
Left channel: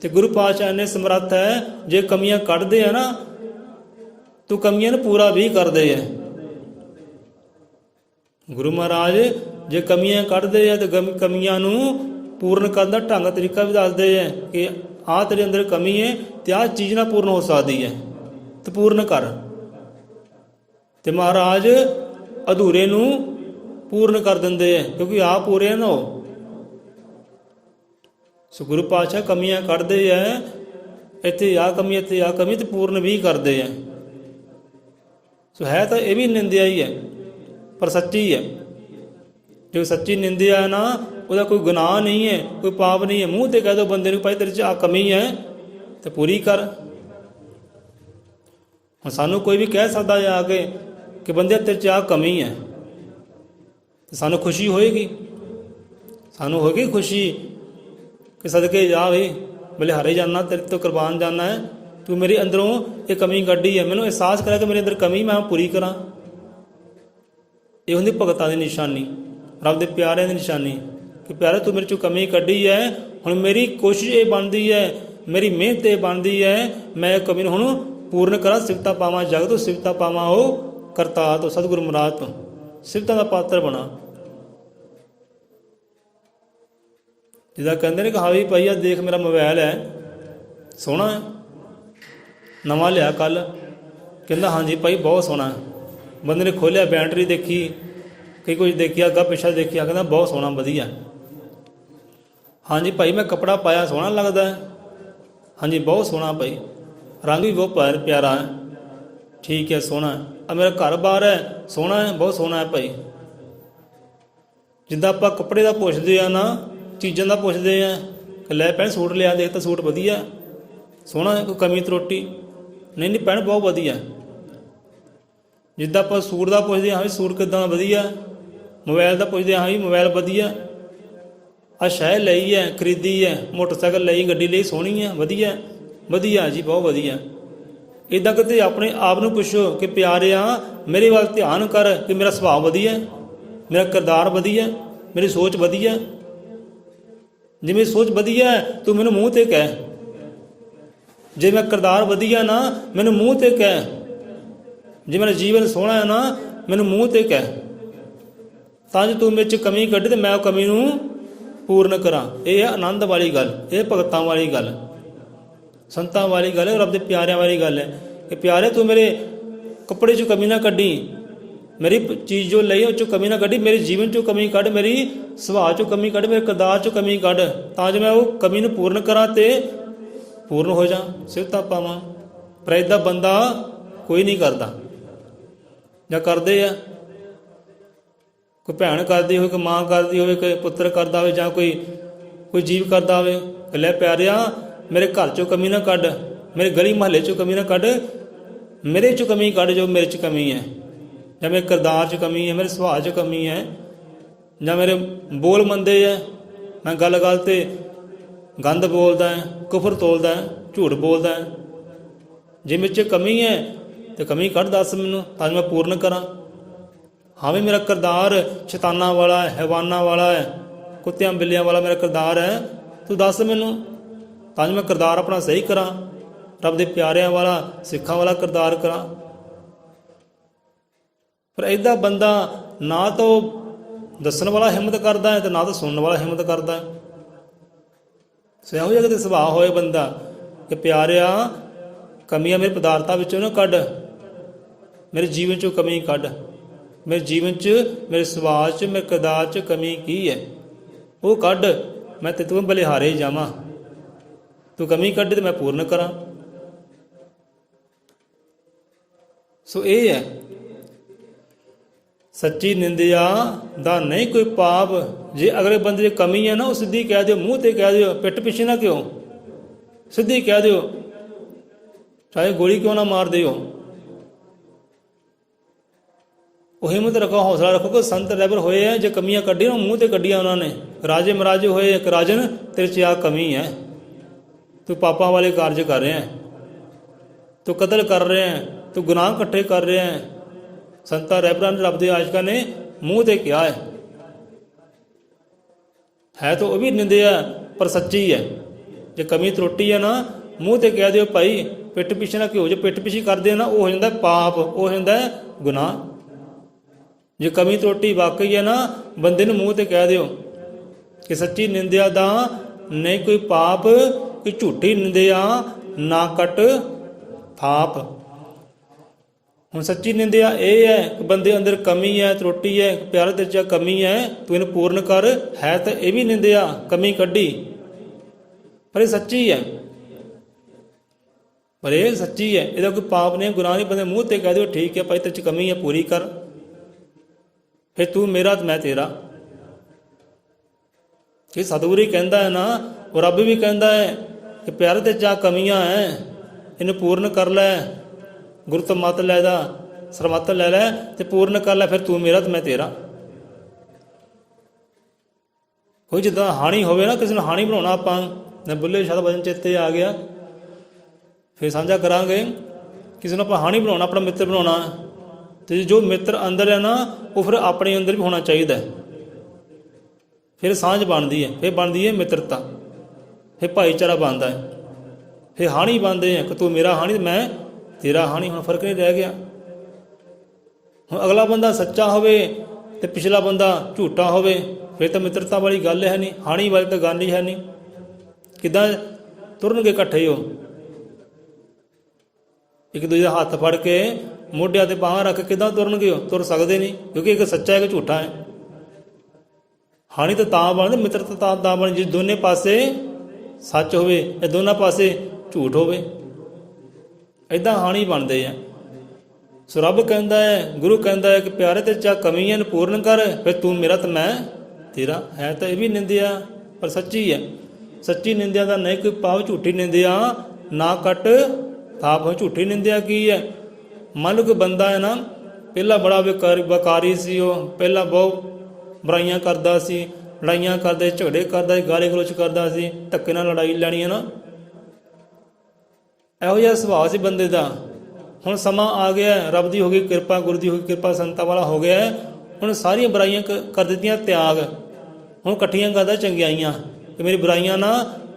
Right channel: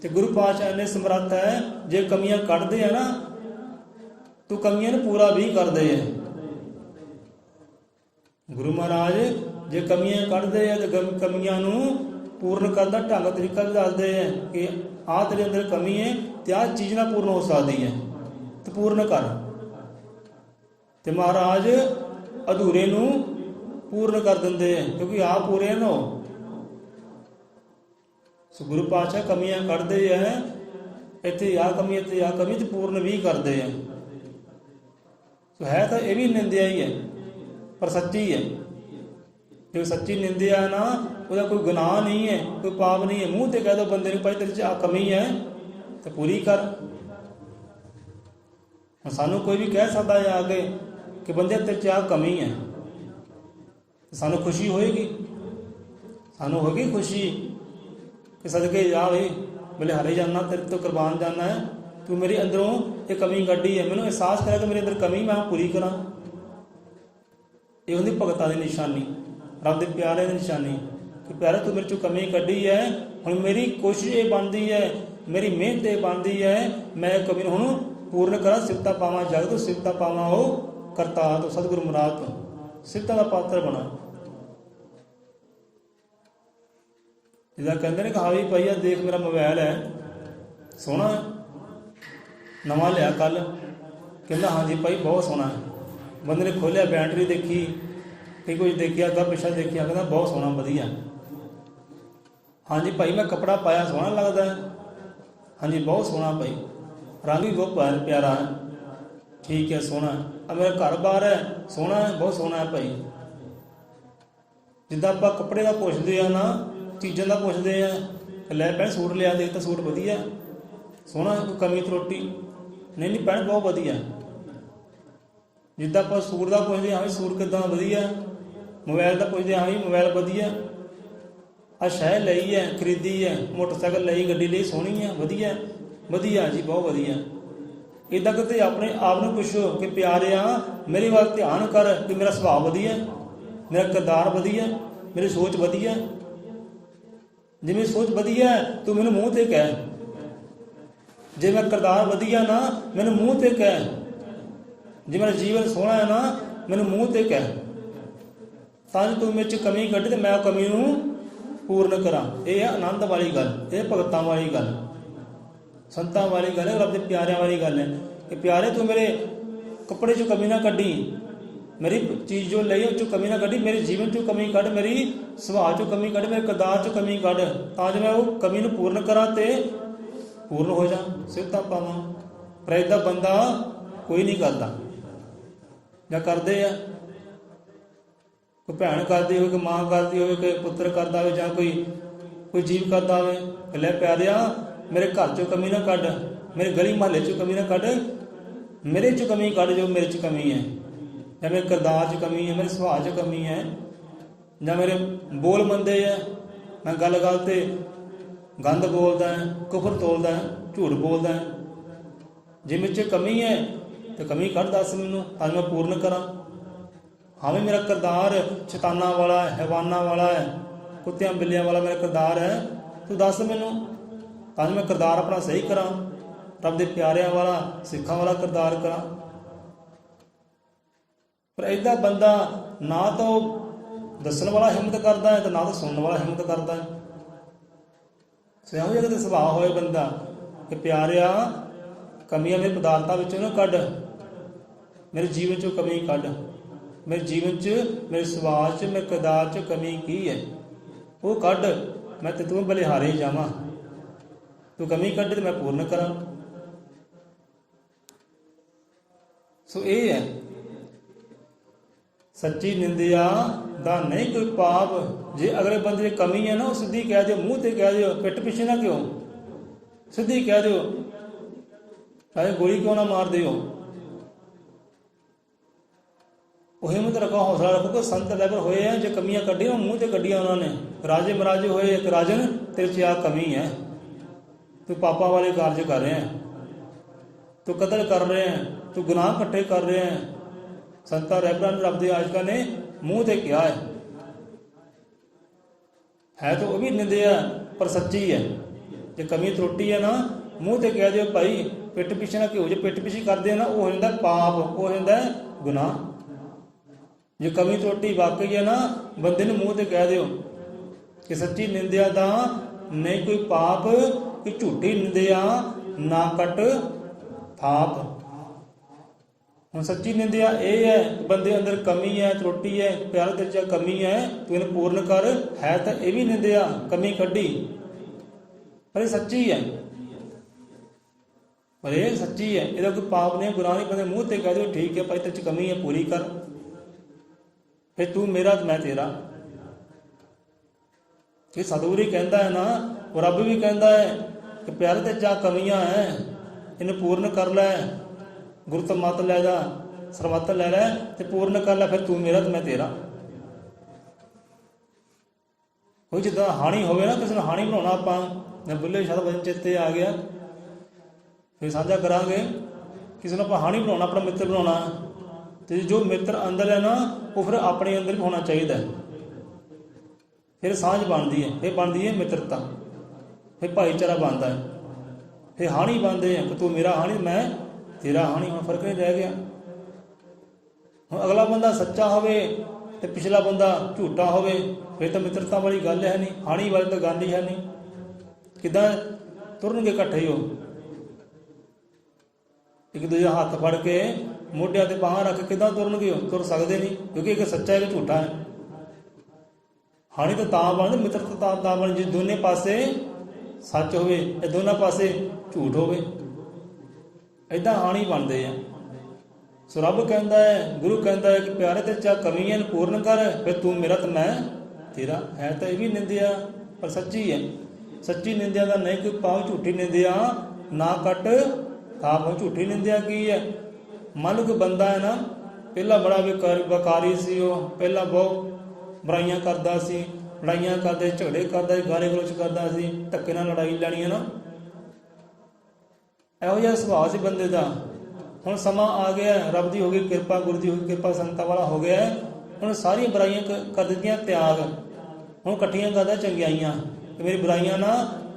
ਤੇ ਗੁਰੂ ਪਾਤਸ਼ਾਹ ਇੰਨੇ ਸਮਰੱਥ ਹੈ ਜੇ ਕਮੀਆਂ ਕੱਢਦੇ ਆ ਨਾ ਤੂੰ ਕਮੀਆਂ ਨੂੰ ਪੂਰਾ ਵੀ ਕਰਦੇ ਹੈ। ਗੁਰੂ ਮਹਾਰਾਜ ਜੇ ਕਮੀਆਂ ਕੱਢਦੇ ਆ ਤੇ ਕਮੀਆਂ ਨੂੰ ਪੂਰਨ ਕਰਨ ਦਾ ਢੰਗ ਤਰੀਕਾ ਵੀ ਦੱਸਦੇ ਹੈ ਕਿ ਆਹ ਤੇਰੇ ਅੰਦਰ ਕਮੀ ਹੈ ਤੇ ਆਹ ਚੀਜ਼ ਨਾਲ ਪੂਰਨ ਹੋ ਸਕਦੀ ਹੈ ਤੇ ਪੂਰਨ ਕਰ। ਤੇ ਮਹਾਰਾਜ ਅਧੂਰੇ ਨੂੰ ਪੂਰਨ ਕਰ ਦਿੰਦੇ ਹੈ ਕਿਉਂਕਿ ਆਪ ਪੂਰੇ ਨਾ ਹੋ। ਸੋ ਗੁਰੂ ਪਾਤਸ਼ਾਹ ਕਮੀਆਂ ਕੱਢਦੇ ਹੈ, ਇੱਥੇ ਆਹ ਕਮੀ, ਇੱਥੇ ਆਹ ਕਮੀ, ਤੇ ਪੂਰਨ ਵੀ ਕਰਦੇ ਹੈ। ਸੋ ਹੈ ਤਾਂ ਇਹ ਵੀ ਨਿੰਦਿਆ ਹੀ ਹੈ ਪਰ ਸੱਚੀ ਹੈ। ਜੋ ਸੱਚੀ ਨਿੰਦਿਆ ਹੈ ਨਾ ਉਹਦਾ ਕੋਈ ਗੁਨਾਹ ਨਹੀਂ ਹੈ, ਕੋਈ ਪਾਪ ਨਹੀਂ ਹੈ। ਮੂੰਹ ਤੇ ਕਹਿ ਦੋ ਬੰਦੇ ਨੂੰ ਭਾਈ ਤੇਰੇ 'ਚ ਆਹ ਕਮੀ ਹੈ ਤੇ ਪੂਰੀ ਕਰ। ਹੁਣ ਸਾਨੂੰ ਕੋਈ ਵੀ ਕਹਿ ਸਕਦਾ ਹੈ ਆ ਕੇ ਕਿ ਬੰਦੇ ਤੇਰੇ 'ਚ ਆਹ ਕਮੀ ਹੈ, ਤੇ ਸਾਨੂੰ ਖੁਸ਼ੀ ਹੋਏਗੀ, ਸਾਨੂੰ ਹੋਏਗੀ ਖੁਸ਼ੀ ਕਿ ਸਦਕੇ ਜਾ ਵੇ ਬਲੇ ਹਾਰੇ ਜਾਣਾ, ਤੇਰੇ ਤੋਂ ਕੁਰਬਾਨ ਜਾਣਾ ਹੈ, ਤੂੰ ਮੇਰੇ ਅੰਦਰੋਂ ਇਹ ਕਮੀ ਕੱਢੀ ਹੈ, ਮੈਨੂੰ ਅਹਿਸਾਸ ਕਰਿਆ ਕਿ ਮੇਰੇ ਅੰਦਰ ਕਮੀ ਮੈਂ ਪੂਰੀ ਕਰਾਂ। ਇਹ ਹੁੰਦੀ ਭਗਤਾਂ ਦੀ ਨਿਸ਼ਾਨੀ, ਰੱਬ ਦੇ ਪਿਆਰਿਆਂ ਦੀ ਨਿਸ਼ਾਨੀ ਕਿ ਪਿਆਰਾ ਤੂੰ ਮੇਰੇ 'ਚੋਂ ਕਮੀ ਕੱਢੀ ਹੈ। ਹੁਣ ਮੇਰੀ ਕੋਸ਼ਿਸ਼ ਇਹ ਬਣਦੀ ਹੈ, ਮੇਰੀ ਮਿਹਨਤ ਇਹ ਬਣਦੀ ਹੈ ਮੈਂ ਕਮੀ ਨੂੰ ਹੁਣ ਪੂਰਨ ਕਰਾਂ, ਸਿਫਤਾਂ ਪਾਵਾਂ ਜਗ ਤੋਂ, ਸਿਫਤਾਂ ਪਾਵਾਂ ਉਹ ਕਰਤਾਰ ਤੋਂ, ਸਤਿਗੁਰੂ ਮਹਾਰਾਜ ਤੋਂ, ਸਿਫਤਾਂ ਦਾ ਪਾਤਰ ਬਣਾ। ਜਿੱਦਾਂ ਕਹਿੰਦੇ ਨੇ ਕਿ ਹਾਂ ਵੀ ਭਾਈ ਆ ਦੇਖ ਮੇਰਾ ਮੋਬਾਈਲ ਹੈ ਸੋਹਣਾ ਹੈ, ਨਵਾਂ ਲਿਆ ਕੱਲ੍ਹ, ਕਹਿੰਦਾ ਹਾਂਜੀ ਭਾਈ ਬਹੁਤ ਸੋਹਣਾ ਹੈ। ਬੰਦੇ ਨੇ ਖੋਲ੍ਹਿਆ, ਬੈਟਰੀ ਦੇਖੀ, ਕਈ ਕੁਝ ਦੇਖਿਆ, ਅੱਗਾ ਪਿੱਛਾ ਦੇਖਿਆ, ਕਹਿੰਦਾ ਬਹੁਤ ਸੋਹਣਾ ਵਧੀਆ। ਹਾਂਜੀ ਭਾਈ ਮੈਂ ਕੱਪੜਾ ਪਾਇਆ ਸੋਹਣਾ ਲੱਗਦਾ ਹੈ, ਹਾਂਜੀ ਬਹੁਤ ਸੋਹਣਾ ਭਾਈ, ਰੰਗ ਵੀ ਬਹੁਤ ਪਿਆਰਾ ਹੈ, ਠੀਕ ਹੈ ਸੋਹਣਾ ਹੈ। ਆ ਮੇਰਾ ਘਰ ਬਾਹਰ ਹੈ ਸੋਹਣਾ ਹੈ, ਬਹੁਤ ਸੋਹਣਾ ਹੈ ਭਾਈ। ਜਿੱਦਾਂ ਆਪਾਂ ਕੱਪੜੇ ਦਾ ਪੁੱਛਦੇ ਆ ਨਾ, ਚੀਜ਼ਾਂ ਦਾ ਪੁੱਛਦੇ ਆ ਕਿ ਲੈ ਭੈਣ ਸੂਟ ਲਿਆ, ਦੇਖ ਤਾਂ ਸੂਟ ਵਧੀਆ ਸੋਹਣਾ, ਕੋਈ ਕਮੀ ਤਰੋਟੀ ਨਹੀਂ, ਨਹੀਂ ਭੈਣ ਬਹੁਤ ਵਧੀਆ। ਜਿੱਦਾਂ ਆਪਾਂ ਸੂਟ ਦਾ ਪੁੱਛਦੇ ਹਾਂ ਵੀ ਸੂਟ ਕਿੱਦਾਂ ਵਧੀਆ, ਮੋਬਾਈਲ ਦਾ ਪੁੱਛਦੇ ਹਾਂ ਵੀ ਮੋਬਾਈਲ ਵਧੀਆ। ਆ ਸ਼ੈ ਲਈ ਹੈ, ਖਰੀਦੀ ਹੈ, ਮੋਟਰਸਾਈਕਲ ਲਈ, ਗੱਡੀ ਲਈ, ਸੋਹਣੀ ਹੈ, ਵਧੀਆ ਵਧੀਆ ਜੀ, ਬਹੁਤ ਵਧੀਆ। ਇੱਦਾਂ ਕਿਤੇ ਆਪਣੇ ਆਪ ਨੂੰ ਪੁੱਛੋ ਕਿ ਪਿਆਰਿਆ ਮੇਰੇ ਵੱਲ ਧਿਆਨ ਕਰ ਕਿ ਮੇਰਾ ਸੁਭਾਅ ਵਧੀਆ, ਮੇਰਾ ਕਿਰਦਾਰ ਵਧੀਆ, ਮੇਰੀ ਸੋਚ ਵਧੀਆ। ਜੇ ਮੇਰੀ ਸੋਚ ਵਧੀਆ ਤੂੰ ਮੈਨੂੰ ਮੂੰਹ 'ਤੇ ਕਹਿ, ਜੇ ਮੇਰਾ ਕਿਰਦਾਰ ਵਧੀਆ ਨਾ ਮੈਨੂੰ ਮੂੰਹ 'ਤੇ ਕਹਿ, ਜੇ ਮੇਰਾ ਜੀਵਨ ਸੋਹਣਾ ਹੈ ਨਾ ਮੈਨੂੰ ਮੂੰਹ 'ਤੇ ਕਹਿ, ਤਾਂ ਜੇ ਤੂੰ ਮੇਰੇ 'ਚ ਕਮੀ ਕੱਢੇ ਤੇ ਮੈਂ ਉਹ ਕਮੀ ਨੂੰ ਪੂਰਨ ਕਰਾਂ। ਇਹ ਹੈ ਆਨੰਦ ਵਾਲੀ ਗੱਲ, ਇਹ ਭਗਤਾਂ ਵਾਲੀ ਗੱਲ, ਸੰਤਾਂ ਵਾਲੀ ਗੱਲ ਹੈ, ਰੱਬ ਦੇ ਪਿਆਰਿਆਂ ਵਾਲੀ ਗੱਲ ਹੈ ਕਿ ਪਿਆਰੇ ਤੂੰ ਮੇਰੇ ਕੱਪੜੇ 'ਚੋਂ ਕਮੀ ਨਾ ਕੱਢੀ, ਮੇਰੀ ਚੀਜ਼ ਜੋ ਲਈ ਉਹ 'ਚੋਂ ਕਮੀ ਨਾ ਕੱਢੀ, ਮੇਰੇ ਜੀਵਨ 'ਚੋਂ ਕਮੀ ਕੱਢ, ਮੇਰੀ ਸੁਭਾਅ 'ਚੋਂ ਕਮੀ ਕੱਢ, ਮੇਰੇ ਕਿਰਦਾਰ 'ਚੋਂ ਕਮੀ ਕੱਢ, ਤਾਂ ਜੋ ਮੈਂ ਉਹ ਕਮੀ ਨੂੰ ਪੂਰਨ ਕਰਾਂ ਤੇ ਪੂਰਨ ਹੋ ਜਾ, ਸਿਫਤਾਂ ਪਾਵਾਂ। ਪਰ ਇੱਦਾਂ ਬੰਦਾ ਕੋਈ ਨਹੀਂ ਕਰਦਾ, ਜਾਂ ਕਰਦੇ ਆ, ਕੋਈ ਭੈਣ ਕਰਦੀ ਹੋਵੇ, ਕੋਈ ਮਾਂ ਕਰਦੀ ਹੋਵੇ, ਕੋਈ ਪੁੱਤਰ ਕਰਦਾ ਹੋਵੇ, ਜਾਂ ਕੋਈ ਜੀਵ ਕਰਦਾ ਹੋਵੇ ਕਿ ਲੈ ਪਿਆਰਿਆ ਮੇਰੇ ਘਰ 'ਚੋਂ ਕਮੀ ਨਾ ਕੱਢ, ਮੇਰੇ ਗਲੀ ਮੁਹੱਲੇ 'ਚੋਂ ਕਮੀ ਨਾ ਕੱਢ, ਮੇਰੇ 'ਚੋਂ ਕਮੀ ਕੱਢ ਜੋ ਮੇਰੇ 'ਚ ਕਮੀ ਹੈ, ਜਾਂ ਮੇਰੇ ਕਿਰਦਾਰ 'ਚ ਕਮੀ ਹੈ, ਮੇਰੇ ਸੁਭਾਅ 'ਚ ਕਮੀ ਹੈ, ਜਾਂ ਮੇਰੇ ਬੋਲ ਮੰਦੇ ਹੈ, ਮੈਂ ਗੱਲ 'ਤੇ ਗੰਦ ਬੋਲਦਾ ਹੈ, ਕੁਫਰ ਤੋਲਦਾ ਹੈ, ਝੂਠ ਬੋਲਦਾ ਹੈ। ਜੇ ਮੇਰੇ 'ਚ ਕਮੀ ਹੈ ਤੇ ਕਮੀ ਕੱਢ ਦੱਸ ਮੈਨੂੰ, ਤਾਂ ਮੈਂ ਪੂਰਨ ਕਰਾਂ। ਹਾਂ ਵੀ ਮੇਰਾ ਕਿਰਦਾਰ ਸ਼ੈਤਾਨਾਂ ਵਾਲਾ ਹੈ, ਹੈਵਾਨਾਂ ਵਾਲਾ ਹੈ, ਕੁੱਤਿਆਂ ਬਿੱਲਿਆਂ ਵਾਲਾ ਮੇਰਾ ਕਿਰਦਾਰ ਹੈ, ਤੂੰ ਦੱਸ ਮੈਨੂੰ, ਤਾਂ ਮੈਂ ਕਿਰਦਾਰ ਆਪਣਾ ਸਹੀ ਕਰਾਂ, ਰੱਬ ਦੇ ਪਿਆਰਿਆਂ ਵਾਲਾ, ਸਿੱਖਾਂ ਵਾਲਾ ਕਿਰਦਾਰ ਕਰਾਂ। ਪਰ ਇੱਦਾਂ ਬੰਦਾ ਨਾ ਤਾਂ ਦੱਸਣ ਵਾਲਾ ਹਿੰਮਤ ਕਰਦਾ ਹੈ ਤੇ ਨਾ ਤਾਂ ਸੁਣਨ ਵਾਲਾ ਹਿੰਮਤ ਕਰਦਾ ਹੈ। ਸੋ ਇਹੋ ਜਿਹਾ ਕਿਤੇ ਸੁਭਾਅ ਹੋਏ ਬੰਦਾ ਕਿ ਪਿਆਰਿਆ ਕਮੀਆਂ ਮੇਰੇ ਪਦਾਰਥਾਂ ਵਿੱਚੋਂ ਨਾ ਕੱਢ, ਮੇਰੇ ਜੀਵਨ 'ਚੋਂ ਕਮੀ ਕੱਢ, ਮੇਰੇ ਜੀਵਨ 'ਚ, ਮੇਰੇ ਸੁਭਾਅ 'ਚ, ਮੇਰੇ ਕਿਰਦਾਰ 'ਚ ਕਮੀ ਕੀ ਹੈ ਉਹ ਕੱਢ, ਮੈਂ ਤੇ ਤੂੰ ਬਲਿਹਾਰੇ ਜਾਵਾਂ, ਤੂੰ ਕਮੀ ਕੱਢ ਤੇ ਮੈਂ ਪੂਰਨ ਕਰਾਂ। ਸੋ ਇਹ ਹੈ ਸੱਚੀ ਨਿੰਦਿਆ ਦਾ ਨਹੀਂ ਕੋਈ ਪਾਪ। ਜੇ ਅਗਲੇ ਬੰਦੇ 'ਚ ਕਮੀ ਹੈ ਨਾ ਉਹ ਸਿੱਧੀ ਕਹਿ ਦਿਓ, ਮੂੰਹ 'ਤੇ ਕਹਿ ਦਿਓ, ਪਿੱਠ ਪਿੱਛੇ ਨਾ ਕਿਉਂ, ਸਿੱਧੀ ਕਹਿ ਦਿਓ, ਚਾਹੇ ਗੋਲੀ ਕਿਉਂ ਨਾ ਮਾਰ ਦਿਓ। ਉਹ ਹਿੰਮਤ ਰੱਖੋ, ਹੌਸਲਾ ਰੱਖੋ ਕਿ ਸੰਤ ਰਹਿਬਰ ਹੋਏ ਆ, ਜੇ ਕਮੀਆਂ ਕੱਢੀਆਂ ਮੂੰਹ 'ਤੇ ਕੱਢੀਆਂ ਉਹਨਾਂ ਨੇ। ਰਾਜੇ ਮਹਾਰਾਜੇ ਹੋਏ, ਇੱਕ ਰਾਜਨ ਤੇਰੇ 'ਚ ਆ ਕਮੀ ਹੈ, ਤੂੰ ਪਾਪਾਂ ਵਾਲੇ ਕਾਰਜ ਕਰ ਰਿਹਾ, ਤੂੰ ਕਤਲ ਕਰ ਰਿਹਾ, ਤੂੰ ਗੁਨਾਹ ਇਕੱਠੇ ਕਰ ਰਿਹਾ। ਸੰਤਾਂ ਰਹਿਬਰਾਂ ਨੇ, ਰੱਬ ਦੇ ਆਸ਼ਿਕਾਂ ਨੇ ਮੂੰਹ 'ਤੇ ਕਿਹਾ ਹੈ ਤਾਂ ਉਹ ਵੀ ਨਿੰਦਿਆ ਪਰ ਸੱਚੀ ਹੈ। ਜੇ ਕਮੀ ਤਰੁੱਟੀ ਹੈ ਨਾ ਮੂੰਹ 'ਤੇ ਕਹਿ ਦਿਓ ਭਾਈ, ਪਿੱਠ ਪਿੱਛੇ ਨਾ ਕਿਉਂ, ਜੇ ਪਿੱਠ ਪਿੱਛੇ ਕਰਦੇ ਆ ਨਾ ਉਹ ਹੋ ਜਾਂਦਾ ਪਾਪ, ਉਹ ਹੋ ਜਾਂਦਾ ਗੁਨਾਹ। ਜੇ ਕਮੀ ਤਰੁੱਟੀ ਵਾਕਈ ਹੈ ਨਾ ਬੰਦੇ ਨੂੰ ਮੂੰਹ 'ਤੇ ਕਹਿ ਦਿਓ ਕਿ ਸੱਚੀ ਨਿੰਦਿਆ ਦਾ ਨਹੀਂ ਕੋਈ ਪਾਪ, ਕਿ ਝੂਠੀ ਨਿੰਦਿਆ ਨਾ ਕੱਟ ਥਾਪ। ਹੁਣ ਸੱਚੀ ਨਿੰਦਿਆ ਇਹ ਹੈ ਕਿ ਬੰਦੇ ਅੰਦਰ ਕਮੀ ਹੈ, ਤਰੁੱਟੀ ਹੈ, ਪਿਆਰ ਦੇ 'ਚ ਕਮੀ ਹੈ, ਤੂੰ ਇਹਨੂੰ ਪੂਰਨ ਕਰ। ਹੈ ਤਾਂ ਇਹ ਵੀ ਨਿੰਦਿਆ, ਕਮੀ ਕੱਢੀ, ਪਰ ਇਹ ਸੱਚੀ ਹੈ, ਪਰ ਇਹ ਸੱਚੀ ਹੈ, ਇਹਦਾ ਕੋਈ ਪਾਪ ਨਹੀਂ, ਗੁਨਾਹ ਨਹੀਂ। ਬੰਦੇ ਮੂੰਹ 'ਤੇ ਕਹਿ ਦਿਓ ਠੀਕ ਹੈ ਭਾਈ ਤੇਰੇ 'ਚ ਕਮੀ ਹੈ, ਪੂਰੀ ਕਰ, ਫਿਰ ਤੂੰ ਮੇਰਾ ਤੇ ਮੈਂ ਤੇਰਾ। ਇਹ ਸਤਿਗੁਰੂ ਹੀ ਕਹਿੰਦਾ ਹੈ ਨਾ, ਉਹ ਰੱਬ ਵੀ ਕਹਿੰਦਾ ਹੈ ਕਿ ਪਿਆਰੇ ਤੇ 'ਚ ਕਮੀਆਂ ਹੈ, ਇਹਨੂੰ ਪੂਰਨ ਕਰ ਲੈ। ਗੁਰੂ ਤੋਂ ਮੱਤ ਲੈ ਦਾ, ਸਰਮੱਤ ਲੈ ਲੈ ਤੇ ਪੂਰਨ ਕਰ ਲੈ, ਫਿਰ ਤੂੰ ਮੇਰਾ ਤੇ ਮੈਂ ਤੇਰਾ। ਕੋਈ ਜਿੱਦਾਂ ਹਾਣੀ ਹੋਵੇ ਨਾ, ਕਿਸੇ ਨੂੰ ਹਾਣੀ ਬਣਾਉਣਾ, ਆਪਾਂ ਨਾ ਬੁੱਲੇ ਸ਼ਾਹ ਦਾ ਵਚਨ ਚੇਤੇ ਆ ਗਿਆ, ਫਿਰ ਸਾਂਝਾ ਕਰਾਂਗੇ। ਕਿਸੇ ਨੂੰ ਆਪਾਂ ਹਾਣੀ ਬਣਾਉਣਾ, ਆਪਣਾ ਮਿੱਤਰ ਬਣਾਉਣਾ, ਤੇ ਜੋ ਮਿੱਤਰ ਅੰਦਰ ਹੈ ਨਾ ਉਹ ਫਿਰ ਆਪਣੇ ਅੰਦਰ ਵੀ ਹੋਣਾ ਚਾਹੀਦਾ, ਫਿਰ ਸਾਂਝ ਬਣਦੀ ਹੈ, ਫਿਰ ਬਣਦੀ ਹੈ ਮਿੱਤਰਤਾ, ਫਿਰ ਭਾਈਚਾਰਾ ਬਣਦਾ ਹੈ, ਫਿਰ ਹਾਣੀ ਬਣਦੇ ਆ ਕਿ ਤੂੰ ਮੇਰਾ ਹਾਣੀ ਮੈਂ ਤੇਰਾ ਹਾਣੀ। ਹੁਣ ਫਰਕ ਨਹੀਂ ਰਹਿ ਗਿਆ। ਹੁਣ ਅਗਲਾ ਬੰਦਾ ਸੱਚਾ ਹੋਵੇ ਤੇ ਪਿਛਲਾ ਬੰਦਾ ਝੂਠਾ ਹੋਵੇ, ਫਿਰ ਤਾਂ ਮਿੱਤਰਤਾ ਵਾਲੀ ਗੱਲ ਹੈ ਨਹੀਂ, ਹਾਣੀ ਵਾਲੀ ਤਾਂ ਗੱਲ ਹੀ ਹੈ ਨਹੀਂ। ਕਿੱਦਾਂ ਤੁਰਨਗੇ ਇਕੱਠੇ? ਉਹ ਇੱਕ ਦੂਜੇ ਦਾ ਹੱਥ ਫੜ ਕੇ ਮੋਢਿਆਂ 'ਤੇ ਬਾਹਾਂ ਰੱਖ ਕੇ ਕਿੱਦਾਂ ਤੁਰਨਗੇ? ਉਹ ਤੁਰ ਸਕਦੇ ਨਹੀਂ, ਕਿਉਂਕਿ ਇੱਕ ਸੱਚਾ ਹੈ, ਇੱਕ ਝੂਠਾ ਹੈ। ਹਾਣੀ ਤਾਂ ਬਣਦੀ, ਮਿੱਤਰਤਾ ਤਾਂ ਬਣ ਜੇ ਦੋਨੇ ਪਾਸੇ ਸੱਚ ਹੋਵੇ, ਇਹ ਦੋਨਾਂ ਪਾਸੇ ਝੂਠ ਹੋਵੇ, ਇੱਦਾਂ ਹਾਣੀ ਬਣਦੇ ਆ। ਸੋ ਰੱਬ ਕਹਿੰਦਾ ਹੈ, ਗੁਰੂ ਕਹਿੰਦਾ ਹੈ ਕਿ ਪਿਆਰੇ ਤੇ 'ਚ ਕਮੀਆਂ ਨੂੰ ਪੂਰਨ ਕਰ, ਫਿਰ ਤੂੰ ਮੇਰਾ ਤੇ ਮੈਂ ਤੇਰਾ। ਹੈ ਤਾਂ ਇਹ ਵੀ ਨਿੰਦਿਆ ਪਰ ਸੱਚੀ ਹੈ। ਸੱਚੀ ਨਿੰਦਿਆ ਦਾ ਨਹੀਂ ਕੋਈ ਪਾਪ, ਝੂਠੀ ਨਿੰਦਿਆ ਨਾ ਕੱਟ ਥਾਪ। ਝੂਠੀ ਨਿੰਦਿਆ ਕੀ ਹੈ? ਮੰਨ ਲਓ ਕਿ ਬੰਦਾ ਹੈ ਨਾ, ਪਹਿਲਾਂ ਬੜਾ ਵਕਾਰੀ ਸੀ, ਉਹ ਪਹਿਲਾਂ ਬਹੁਤ ਬੁਰਾਈਆਂ ਕਰਦਾ ਸੀ, ਲੜਾਈਆਂ ਕਰਦਾ, ਝਗੜੇ ਕਰਦਾ, ਗਾਲੀ ਗਲੋਚ ਕਰਦਾ ਸੀ, ਧੱਕੇ ਨਾਲ ਲੜਾਈ ਲੈਣੀ ਹੈ ਨਾ। ਇਹੋ ਜਿਹਾ ਸੁਭਾਅ ਸੀ ਬੰਦੇ ਦਾ। ਹੁਣ ਸਮਾਂ ਆ ਗਿਆ, ਰੱਬ ਦੀ ਹੋ ਗਈ ਕਿਰਪਾ, ਗੁਰੂ ਦੀ ਹੋ ਗਈ ਕਿਰਪਾ, ਸੰਤਾਂ ਵਾਲਾ ਹੋ ਗਿਆ। ਹੁਣ ਸਾਰੀਆਂ ਬੁਰਾਈਆਂ ਕਰ ਦਿੱਤੀਆਂ ਤਿਆਗ, ਹੁਣ ਇਕੱਠੀਆਂ ਕਰਦਾ ਚੰਗਿਆਈਆਂ ਕਿ ਮੇਰੀ ਬੁਰਾਈਆਂ ਨਾ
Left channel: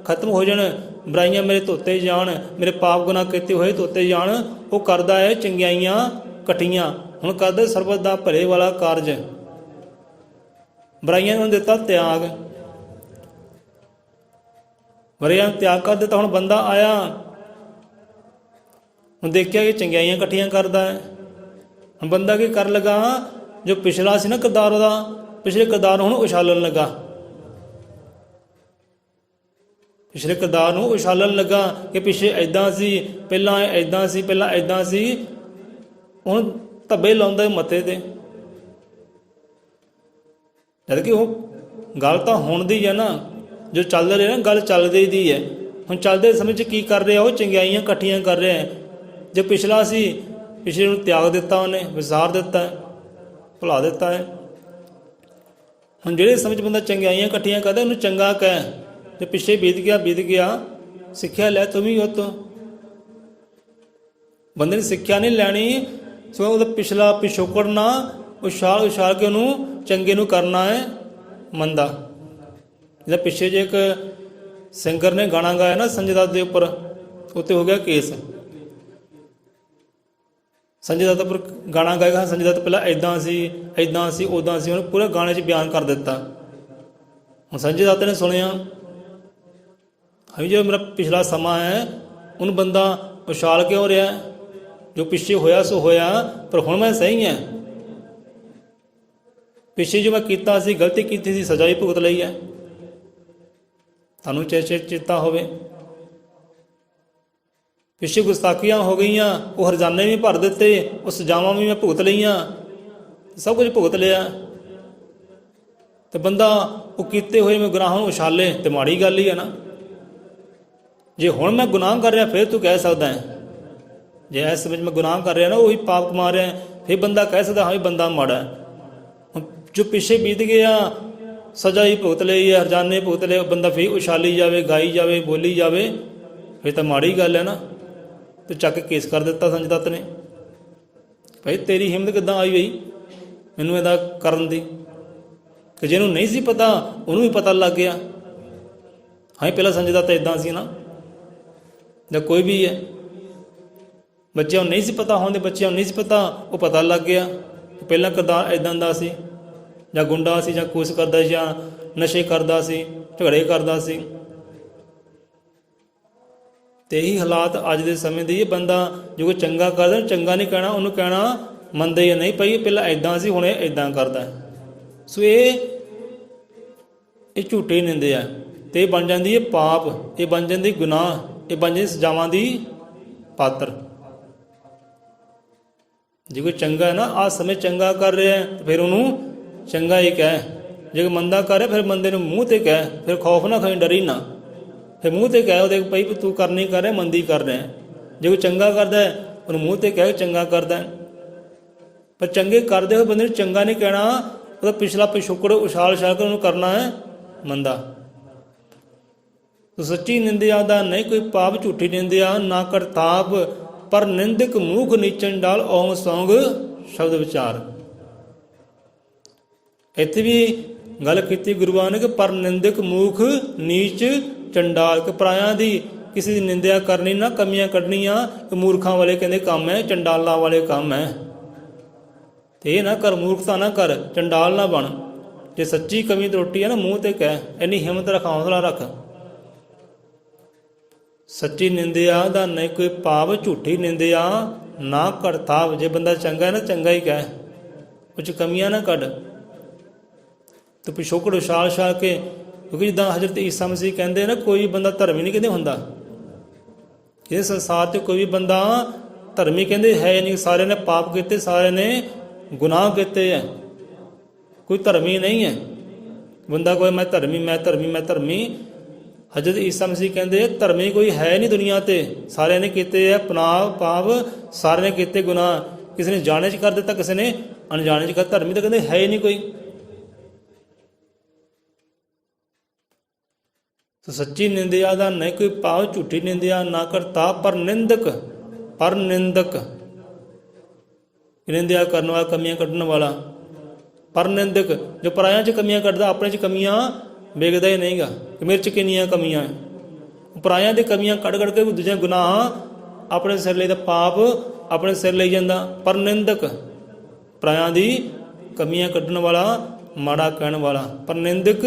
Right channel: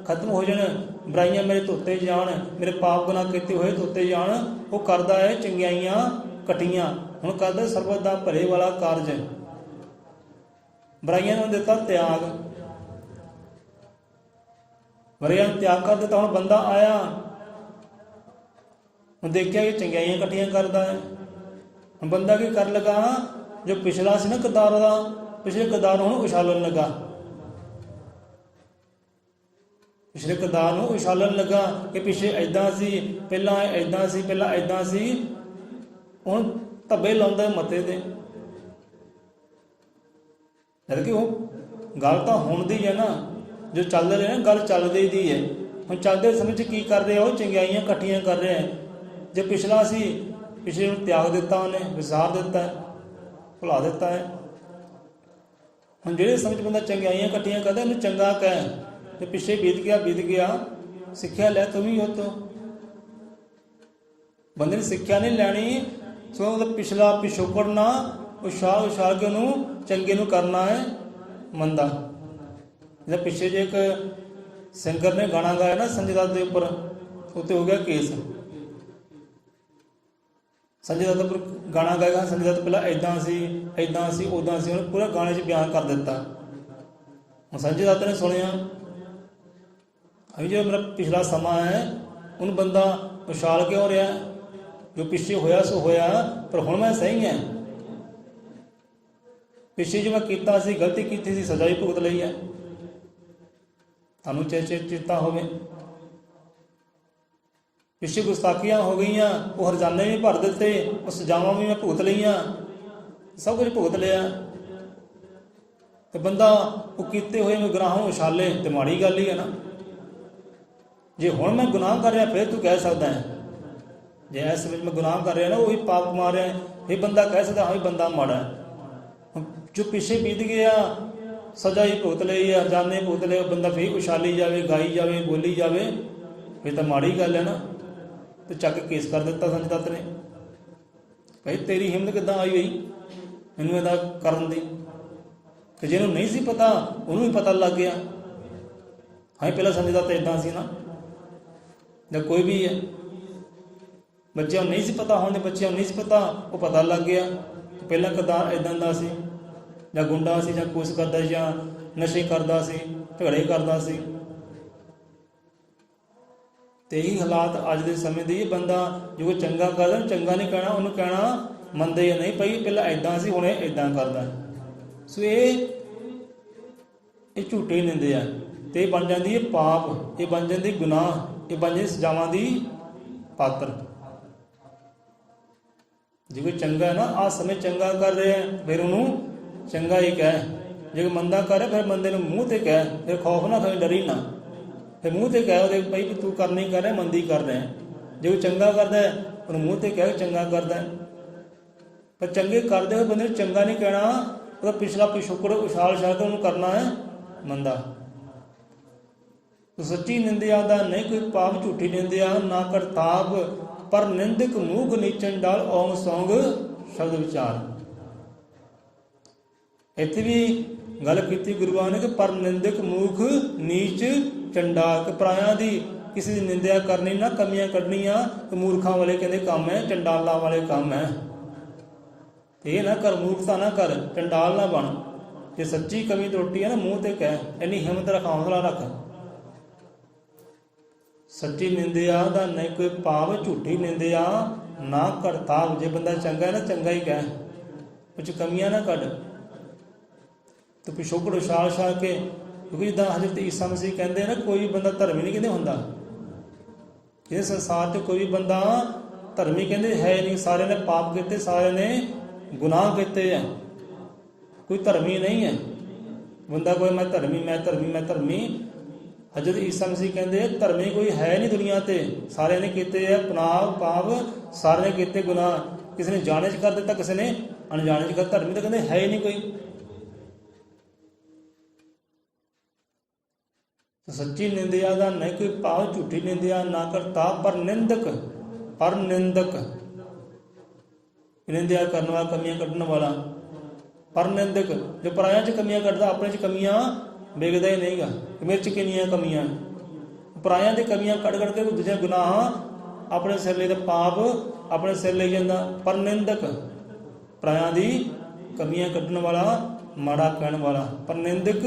ਖਤਮ ਹੋ ਜਾਣ, ਬੁਰਾਈਆਂ ਮੇਰੇ ਧੋਤੇ ਜਾਣ, ਮੇਰੇ ਪਾਪ ਗੁਨਾਹ ਕੀਤੇ ਹੋਏ ਧੋਤੇ ਜਾਣ। ਉਹ ਕਰਦਾ ਹੈ ਚੰਗਿਆਈਆਂ ਇਕੱਠੀਆਂ, ਹੁਣ ਕਰਦਾ ਸਰਬਤ ਦਾ ਭਲੇ ਵਾਲਾ ਕਾਰਜ। ਬੁਰਾਈਆਂ ਨੂੰ ਦਿੱਤਾ ਤਿਆਗ, ਬੁਰਾਈਆਂ ਨੂੰ ਤਿਆਗ ਕਰ ਦਿੱਤਾ। ਹੁਣ ਬੰਦਾ ਆਇਆ, ਹੁਣ ਦੇਖਿਆ ਕਿ ਚੰਗਿਆਈਆਂ ਇਕੱਠੀਆਂ ਕਰਦਾ ਹੈ। ਹੁਣ ਬੰਦਾ ਕੀ ਕਰਨ ਲੱਗਾ, ਜੋ ਪਿਛਲਾ ਸੀ ਨਾ ਕਿਰਦਾਰ ਦਾ, ਪਿਛਲੇ ਕਿਰਦਾਰ ਨੂੰ ਹੁਣ ਉਛਾਲਣ ਲੱਗਾ, ਪਿਛਲੇ ਕਿਰਦਾਰ ਨੂੰ ਉਛਾਲਣ ਲੱਗਾ ਕਿ ਪਿੱਛੇ ਇੱਦਾਂ ਸੀ, ਪਹਿਲਾਂ ਇੱਦਾਂ ਸੀ, ਪਹਿਲਾਂ ਇੱਦਾਂ ਸੀ। ਹੁਣ ਧੱਬੇ ਲਾਉਂਦਾ ਮੱਥੇ ਤੇ, ਜਦ ਕਿ ਉਹ ਗੱਲ ਤਾਂ ਹੁਣ ਦੀ ਹੈ ਨਾ, ਜੋ ਚੱਲ ਰਿਹਾ ਨਾ ਗੱਲ ਚੱਲਦੀ ਦੀ ਹੈ। ਹੁਣ ਚੱਲਦੇ ਸਮੇਂ 'ਚ ਕੀ ਕਰ ਰਿਹਾ, ਉਹ ਚੰਗਿਆਈਆਂ ਇਕੱਠੀਆਂ ਕਰ ਰਿਹਾ। ਜੋ ਪਿਛਲਾ ਸੀ, ਪਿਛਲੇ ਨੂੰ ਤਿਆਗ ਦਿੱਤਾ, ਉਹਨੇ ਵਿਸਾਰ ਦਿੱਤਾ, ਭੁਲਾ ਦਿੱਤਾ ਹੈ। ਹੁਣ ਜਿਹੜੇ ਸਮੇਂ 'ਚ ਬੰਦਾ ਚੰਗਿਆਈਆਂ ਇਕੱਠੀਆਂ ਕਰਦਾ, ਉਹਨੂੰ ਚੰਗਾ ਕਹਿ। ਜੇ ਪਿੱਛੇ ਬੀਤ ਗਿਆ, ਸਿੱਖਿਆ ਲੈ ਤੂੰ ਵੀ ਉਹ ਤੋਂ। ਬੰਦੇ ਨੇ ਸਿੱਖਿਆ ਨਹੀਂ ਲੈਣੀ, ਸੋ ਉਹਦਾ ਪਿਛਲਾ ਪਿਛੋਕੜ ਨਾ ਉਛਾਲ ਕੇ ਉਹਨੂੰ ਚੰਗੇ ਨੂੰ ਕਰਨਾ ਹੈ ਮੰਦਾ। ਜਿਹਦਾ ਪਿੱਛੇ ਜੇ ਇੱਕ ਸਿੰਗਰ ਨੇ ਗਾਣਾ ਗਾਇਆ ਨਾ ਸੰਜੇ ਦੱਤ ਦੇ ਉੱਪਰ, ਉੱਤੇ ਹੋ ਗਿਆ ਕੇਸ। ਸੰਜੇ ਦੱਤ ਉੱਪਰ ਗਾਣਾ ਗਾਇਆ, ਸੰਜੇ ਦੱਤ ਪਹਿਲਾਂ ਇੱਦਾਂ ਸੀ, ਇੱਦਾਂ ਸੀ, ਉੱਦਾਂ ਸੀ, ਉਹਨੂੰ ਪੂਰੇ ਗਾਣੇ 'ਚ ਬਿਆਨ ਕਰ ਦਿੱਤਾ। ਹੁਣ ਸੰਜੇ ਦੱਤ ਨੇ ਸੁਣਿਆ, ਜੋ ਮੇਰਾ ਪਿਛਲਾ ਸਮਾਂ ਹੈ ਉਹਨੂੰ ਬੰਦਾ ਉਛਾਲ ਕਿਉਂ ਰਿਹਾ, ਜੋ ਪਿੱਛੇ ਹੋਇਆ ਸੋ ਹੋਇਆ, ਪਰ ਹੁਣ ਮੈਂ ਸਹੀ ਹਾਂ। ਪਿੱਛੇ ਜੋ ਮੈਂ ਕੀਤਾ ਸੀ, ਗਲਤੀ ਕੀਤੀ ਸੀ, ਸਜ਼ਾ ਵੀ ਭੁਗਤ ਲਈ ਹੈ। ਤੁਹਾਨੂੰ ਚੇਤਾ ਹੋਵੇ, ਪਿੱਛੇ ਗੁਸਤਾਖੀਆਂ ਹੋ ਗਈਆਂ, ਉਹ ਹਰਜਾਨੇ ਵੀ ਭਰ ਦਿੱਤੇ, ਉਹ ਸਜ਼ਾਵਾਂ ਵੀ ਮੈਂ ਭੁਗਤ ਲਈਆਂ, ਸਭ ਕੁਝ ਭੁਗਤ ਲਿਆ। ਤੇ ਬੰਦਾ ਉਹ ਕੀਤੇ ਹੋਏ ਮੈਂ ਗੁਨਾਹਾਂ ਨੂੰ ਉਛਾਲੇ ਤੇ ਮਾੜੀ ਗੱਲ ਹੀ ਹੈ ਨਾ। ਜੇ ਹੁਣ ਮੈਂ ਗੁਨਾਹ ਕਰ ਰਿਹਾ, ਫਿਰ ਤੂੰ ਕਹਿ ਸਕਦਾ ਹੈ, ਜੇ ਇਸ ਸਮੇਂ ਮੈਂ ਗੁਨਾਹ ਕਰ ਰਿਹਾ ਨਾ, ਉਹੀ ਪਾਪ ਕਮਾ ਰਿਹਾ, ਫਿਰ ਬੰਦਾ ਕਹਿ ਸਕਦਾ ਹਾਂ ਵੀ ਬੰਦਾ ਮਾੜਾ। ਜੋ ਪਿੱਛੇ ਬੀਤ ਗਿਆ, ਸਜ਼ਾ ਹੀ ਭੁਗਤ ਲਈ ਹੈ, ਹਰਜਾਨੇ ਭੁਗਤ ਲਏ, ਬੰਦਾ ਫਿਰ ਉਛਾਲੀ ਜਾਵੇ, ਗਾਈ ਜਾਵੇ, ਬੋਲੀ ਜਾਵੇ, ਫਿਰ ਤਾਂ ਮਾੜੀ ਗੱਲ ਹੈ ਨਾ। ਤੇ ਚੱਕ ਕੇ ਕੇਸ ਕਰ ਦਿੱਤਾ ਸੰਜੇ ਦੱਤ ਨੇ। ਭਾਈ ਤੇਰੀ ਹਿੰਮਤ ਕਿੱਦਾਂ ਆਈ ਬਈ ਮੈਨੂੰ ਇਹਦਾ ਕਰਨ ਦੀ? ਕਿ ਜਿਹਨੂੰ ਨਹੀਂ ਸੀ ਪਤਾ ਉਹਨੂੰ ਵੀ ਪਤਾ ਲੱਗ ਗਿਆ। ਹਾਂ ਪਹਿਲਾਂ ਸੰਜੇ ਦੱਤ ਇੱਦਾਂ ਸੀ ਨਾ, ਜਾਂ ਕੋਈ ਵੀ ਹੈ, ਬੱਚਿਆਂ ਨੂੰ ਨਹੀਂ ਸੀ ਪਤਾ, ਹੁਣ ਦੇ ਬੱਚਿਆਂ ਨੂੰ ਨਹੀਂ ਸੀ ਪਤਾ, ਉਹ ਪਤਾ ਲੱਗ ਗਿਆ। ਪਹਿਲਾਂ ਕਿਰਦਾਰ ਇੱਦਾਂ ਦਾ ਸੀ, ਜਾਂ ਗੁੰਡਾ ਸੀ, ਜਾਂ ਕੁਛ ਕਰਦਾ ਸੀ, ਜਾਂ ਨਸ਼ੇ ਕਰਦਾ ਸੀ, ਝਗੜੇ ਕਰਦਾ ਸੀ। ਤੇ ਇਹੀ ਹਾਲਾਤ ਅੱਜ ਦੇ ਸਮੇਂ ਦੇ। ਇਹ ਬੰਦਾ ਜੋ ਕੋਈ ਚੰਗਾ ਕਰਦਾ, ਚੰਗਾ ਨਹੀਂ ਕਹਿਣਾ, ਉਹਨੂੰ ਕਹਿਣਾ ਮੰਨਦੇ ਜਾਂ ਨਹੀਂ ਭਾਈ ਪਹਿਲਾਂ ਇੱਦਾਂ ਸੀ, ਹੁਣ ਇਹ ਇੱਦਾਂ ਕਰਦਾ। ਸੋ ਇਹ ਝੂਠੇ ਨਿੰਦੇ ਆ, ਤੇ ਇਹ ਬਣ ਜਾਂਦੀ ਹੈ ਪਾਪ, ਇਹ ਬਣ ਜਾਂਦੀ ਗੁਨਾਹ, ਇਹ ਬਣ ਜਾਂਦੀ ਸਜ਼ਾਵਾਂ ਦੀ ਪਾਤਰ। ਜੇ ਕੋਈ ਚੰਗਾ ਹੈ ਨਾ, ਆਹ ਸਮੇਂ ਚੰਗਾ ਕਰ ਰਿਹਾ, ਫਿਰ ਉਹਨੂੰ ਚੰਗਾ ਹੀ ਕਹਿ। ਜੇ ਕੋਈ ਮੰਦਾ ਕਰ ਰਿਹਾ, ਫਿਰ ਬੰਦੇ ਨੂੰ ਮੂੰਹ ਤੇ ਕਹਿ, ਫਿਰ ਖੌਫ ਨਾ ਖਾਈ, ਡਰੀ ਨਾ, ਫਿਰ ਮੂੰਹ ਤੇ ਕਹਿ ਉਹਦੇ ਭਾਈ ਤੂੰ ਕਰਨੀ ਕਰ ਰਿਹਾ, ਮੰਦੀ ਕਰ ਰਿਹਾ। ਜੇ ਕੋਈ ਚੰਗਾ ਕਰਦਾ ਉਹਨੂੰ ਮੂੰਹ ਤੇ ਕਹਿ ਚੰਗਾ ਕਰਦਾ। ਪਰ ਚੰਗੇ ਕਰਦੇ ਹੋਏ ਬੰਦੇ ਨੂੰ ਚੰਗਾ ਨਹੀਂ ਕਹਿਣਾ, ਉਹਦਾ ਪਿਛਲਾ ਪਿਛੋਕੜ ਉਛਾਲ ਕੇ ਉਹਨੂੰ ਕਰਨਾ ਹੈ ਮੰਦਾ। ਤੋ ਸੱਚੀ ਨਿੰਦਿਆ ਦਾ ਨਹੀਂ ਕੋਈ ਪਾਪ, ਝੂਠੀ ਨਿੰਦਿਆ ਨਾ ਕਰਤਾਪ, ਪਰ ਨਿੰਦਕ ਮੂਖ ਨੀਚਨ ਡਾਲ ਓਮ ਸੌਂਗ ਸ਼ਬਦ ਵਿਚਾਰ। ਇੱਥੇ ਵੀ ਗੱਲ ਕੀਤੀ ਗੁਰੂਆਂ ਨੇ ਕਿ ਪਰ ਨਿੰਦਕ ਮੂਖ ਨੀਚ ਚੰਡਾਲ, ਕਿ ਪਰਾਇਆਂ ਦੀ ਕਿਸੇ ਦੀ ਨਿੰਦਿਆ ਕਰਨੀ ਨਾ, ਕਮੀਆਂ ਕੱਢਣੀਆਂ, ਮੂਰਖਾਂ ਵਾਲੇ ਕਹਿੰਦੇ ਕੰਮ ਹੈ, ਚੰਡਾਲਾਂ ਵਾਲੇ ਕੰਮ ਹੈ। ਤੇ ਇਹ ਨਾ ਕਰ, ਮੂਰਖਤਾ ਨਾ ਕਰ, ਚੰਡਾਲ ਨਾ ਬਣ। ਜੇ ਸੱਚੀ ਕਮੀ ਤਰੁੱਟੀ ਹੈ ਨਾ, ਮੂੰਹ ਤੇ ਕਹਿ, ਇੰਨੀ ਹਿੰਮਤ ਰੱਖ, ਹੌਸਲਾ ਰੱਖ। ਸੱਚੀ ਨਿੰਦਿਆ ਦਾ ਨਹੀਂ ਕੋਈ ਭਾਵ, ਝੂਠੀ ਨਿੰਦਿਆ ਨਾ ਕਰਤਾਵ। ਜੇ ਬੰਦਾ ਚੰਗਾ ਹੈ ਨਾ, ਚੰਗਾ ਹੀ ਕਹਿ, ਕੁਝ ਕਮੀਆਂ ਨਾ ਕੱਢ। ਤੇ ਪਿਛੋਕੜ ਉਛਾਲ ਕੇ, ਕਿਉਂਕਿ ਜਿੱਦਾਂ ਹਜ਼ਰਤ ਈਸਾ ਮਸੀਹ ਕਹਿੰਦੇ ਨਾ, ਕੋਈ ਬੰਦਾ ਧਰਮੀ ਨਹੀਂ ਕਹਿੰਦੇ ਹੁੰਦਾ। ਇਹ ਸੰਸਾਰ 'ਚ ਕੋਈ ਵੀ ਬੰਦਾ ਧਰਮੀ ਕਹਿੰਦੇ ਹੈ ਨਹੀਂ। ਸਾਰਿਆਂ ਨੇ ਪਾਪ ਕੀਤੇ, ਸਾਰਿਆਂ ਨੇ ਗੁਨਾਹ ਕੀਤੇ ਹੈ, ਕੋਈ ਧਰਮੀ ਨਹੀਂ ਹੈ ਬੰਦਾ। ਕੋਈ ਮੈਂ ਧਰਮੀ, ਮੈਂ ਧਰਮੀ, ਮੈਂ ਧਰਮੀ। ਹਜ਼ਰਤ ਈਸਾ ਮਸੀਹ ਕਹਿੰਦੇ ਧਰਮੀ ਕੋਈ ਹੈ ਨਹੀਂ ਦੁਨੀਆ ਤੇ, ਸਾਰਿਆਂ ਨੇ ਕੀਤੇ ਹੈ ਪਾਪ, ਸਾਰਿਆਂ ਨੇ ਕੀਤੇ ਗੁਨਾਹ। ਕਿਸੇ ਨੇ ਜਾਣੇ 'ਚ ਕਰ ਦਿੱਤਾ, ਕਿਸੇ ਨੇ ਅਣਜਾਣੇ 'ਚ ਕਰ। ਧਰਮੀ ਤਾਂ ਕਹਿੰਦੇ ਹੈ ਹੀ ਨਹੀਂ ਕੋਈ। तो सच्ची निंदिया का नहीं कोई भाव, झूठी निंदिया ना करता पर निंदक, पर निंदक निंदिया करने वाला, कमियां कढ़ने वाला। पर निंदक जो पराया च कमियां कढ़दा, अपने च कमियां वेखदा ही नहीं गा कि मेरे च किन्नियां कमियां है। पराया दी कमियां कढ़ कढ़ के दूजे गुनाह अपने सिर ले, पाप अपने सिर ले जांदा। पर निंदक पराया दी कमियां कढ़ने वाला, माड़ा कहने वाला। पर निंदक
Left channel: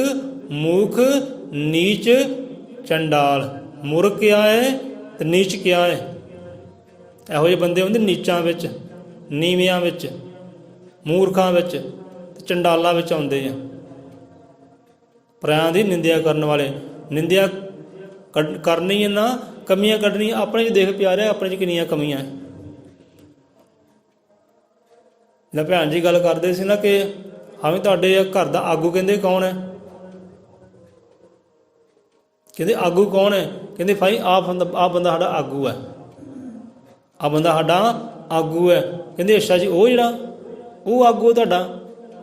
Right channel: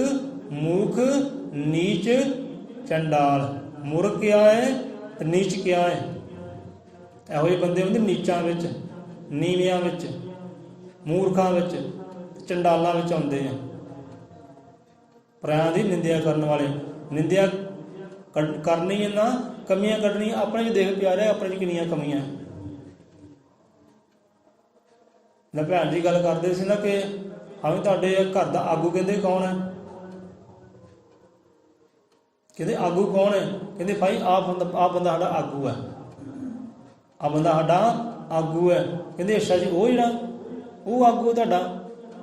मूर्ख, नीच, चंडाल। मूर्ख क्या है तो नीच क्या है? ਇਹੋ ਜਿਹੇ ਬੰਦੇ ਹੁੰਦੇ ਨੀਚਾਂ ਵਿੱਚ, ਨੀਵਿਆਂ ਵਿੱਚ, ਮੂਰਖਾਂ ਵਿੱਚ ਤੇ ਚੰਡਾਲਾਂ ਵਿੱਚ ਆਉਂਦੇ ਆ। ਪਰਾਇਆਂ ਦੀ ਨਿੰਦਿਆ ਕਰਨ ਵਾਲੇ। ਨਿੰਦਿਆ ਕਰਨੀ ਹੈ ਨਾ, ਕਮੀਆਂ ਕੱਢਣੀਆਂ। ਆਪਣੇ 'ਚ ਦੇਖ ਪਿਆਰਿਆ, ਆਪਣੇ 'ਚ ਕਿੰਨੀਆਂ ਕਮੀਆਂ ਹੈ। ਜਿੱਦਾਂ ਭੈਣ ਜੀ ਗੱਲ ਕਰਦੇ ਸੀ ਨਾ ਕਿ ਹਾਂ ਵੀ ਤੁਹਾਡੇ ਘਰ ਦਾ ਆਗੂ, ਕਹਿੰਦੇ ਕੌਣ ਹੈ? ਕਹਿੰਦੇ ਆਗੂ ਕੌਣ ਹੈ? ਕਹਿੰਦੇ ਭਾਈ ਆਹ ਬੰਦਾ ਸਾਡਾ ਆਗੂ ਹੈ, ਆਹ ਬੰਦਾ ਸਾਡਾ ਆਗੂ ਹੈ। ਕਹਿੰਦੇ ਅੱਛਾ ਜੀ, ਉਹ ਜਿਹੜਾ ਉਹ ਆਗੂ ਹੈ ਤੁਹਾਡਾ,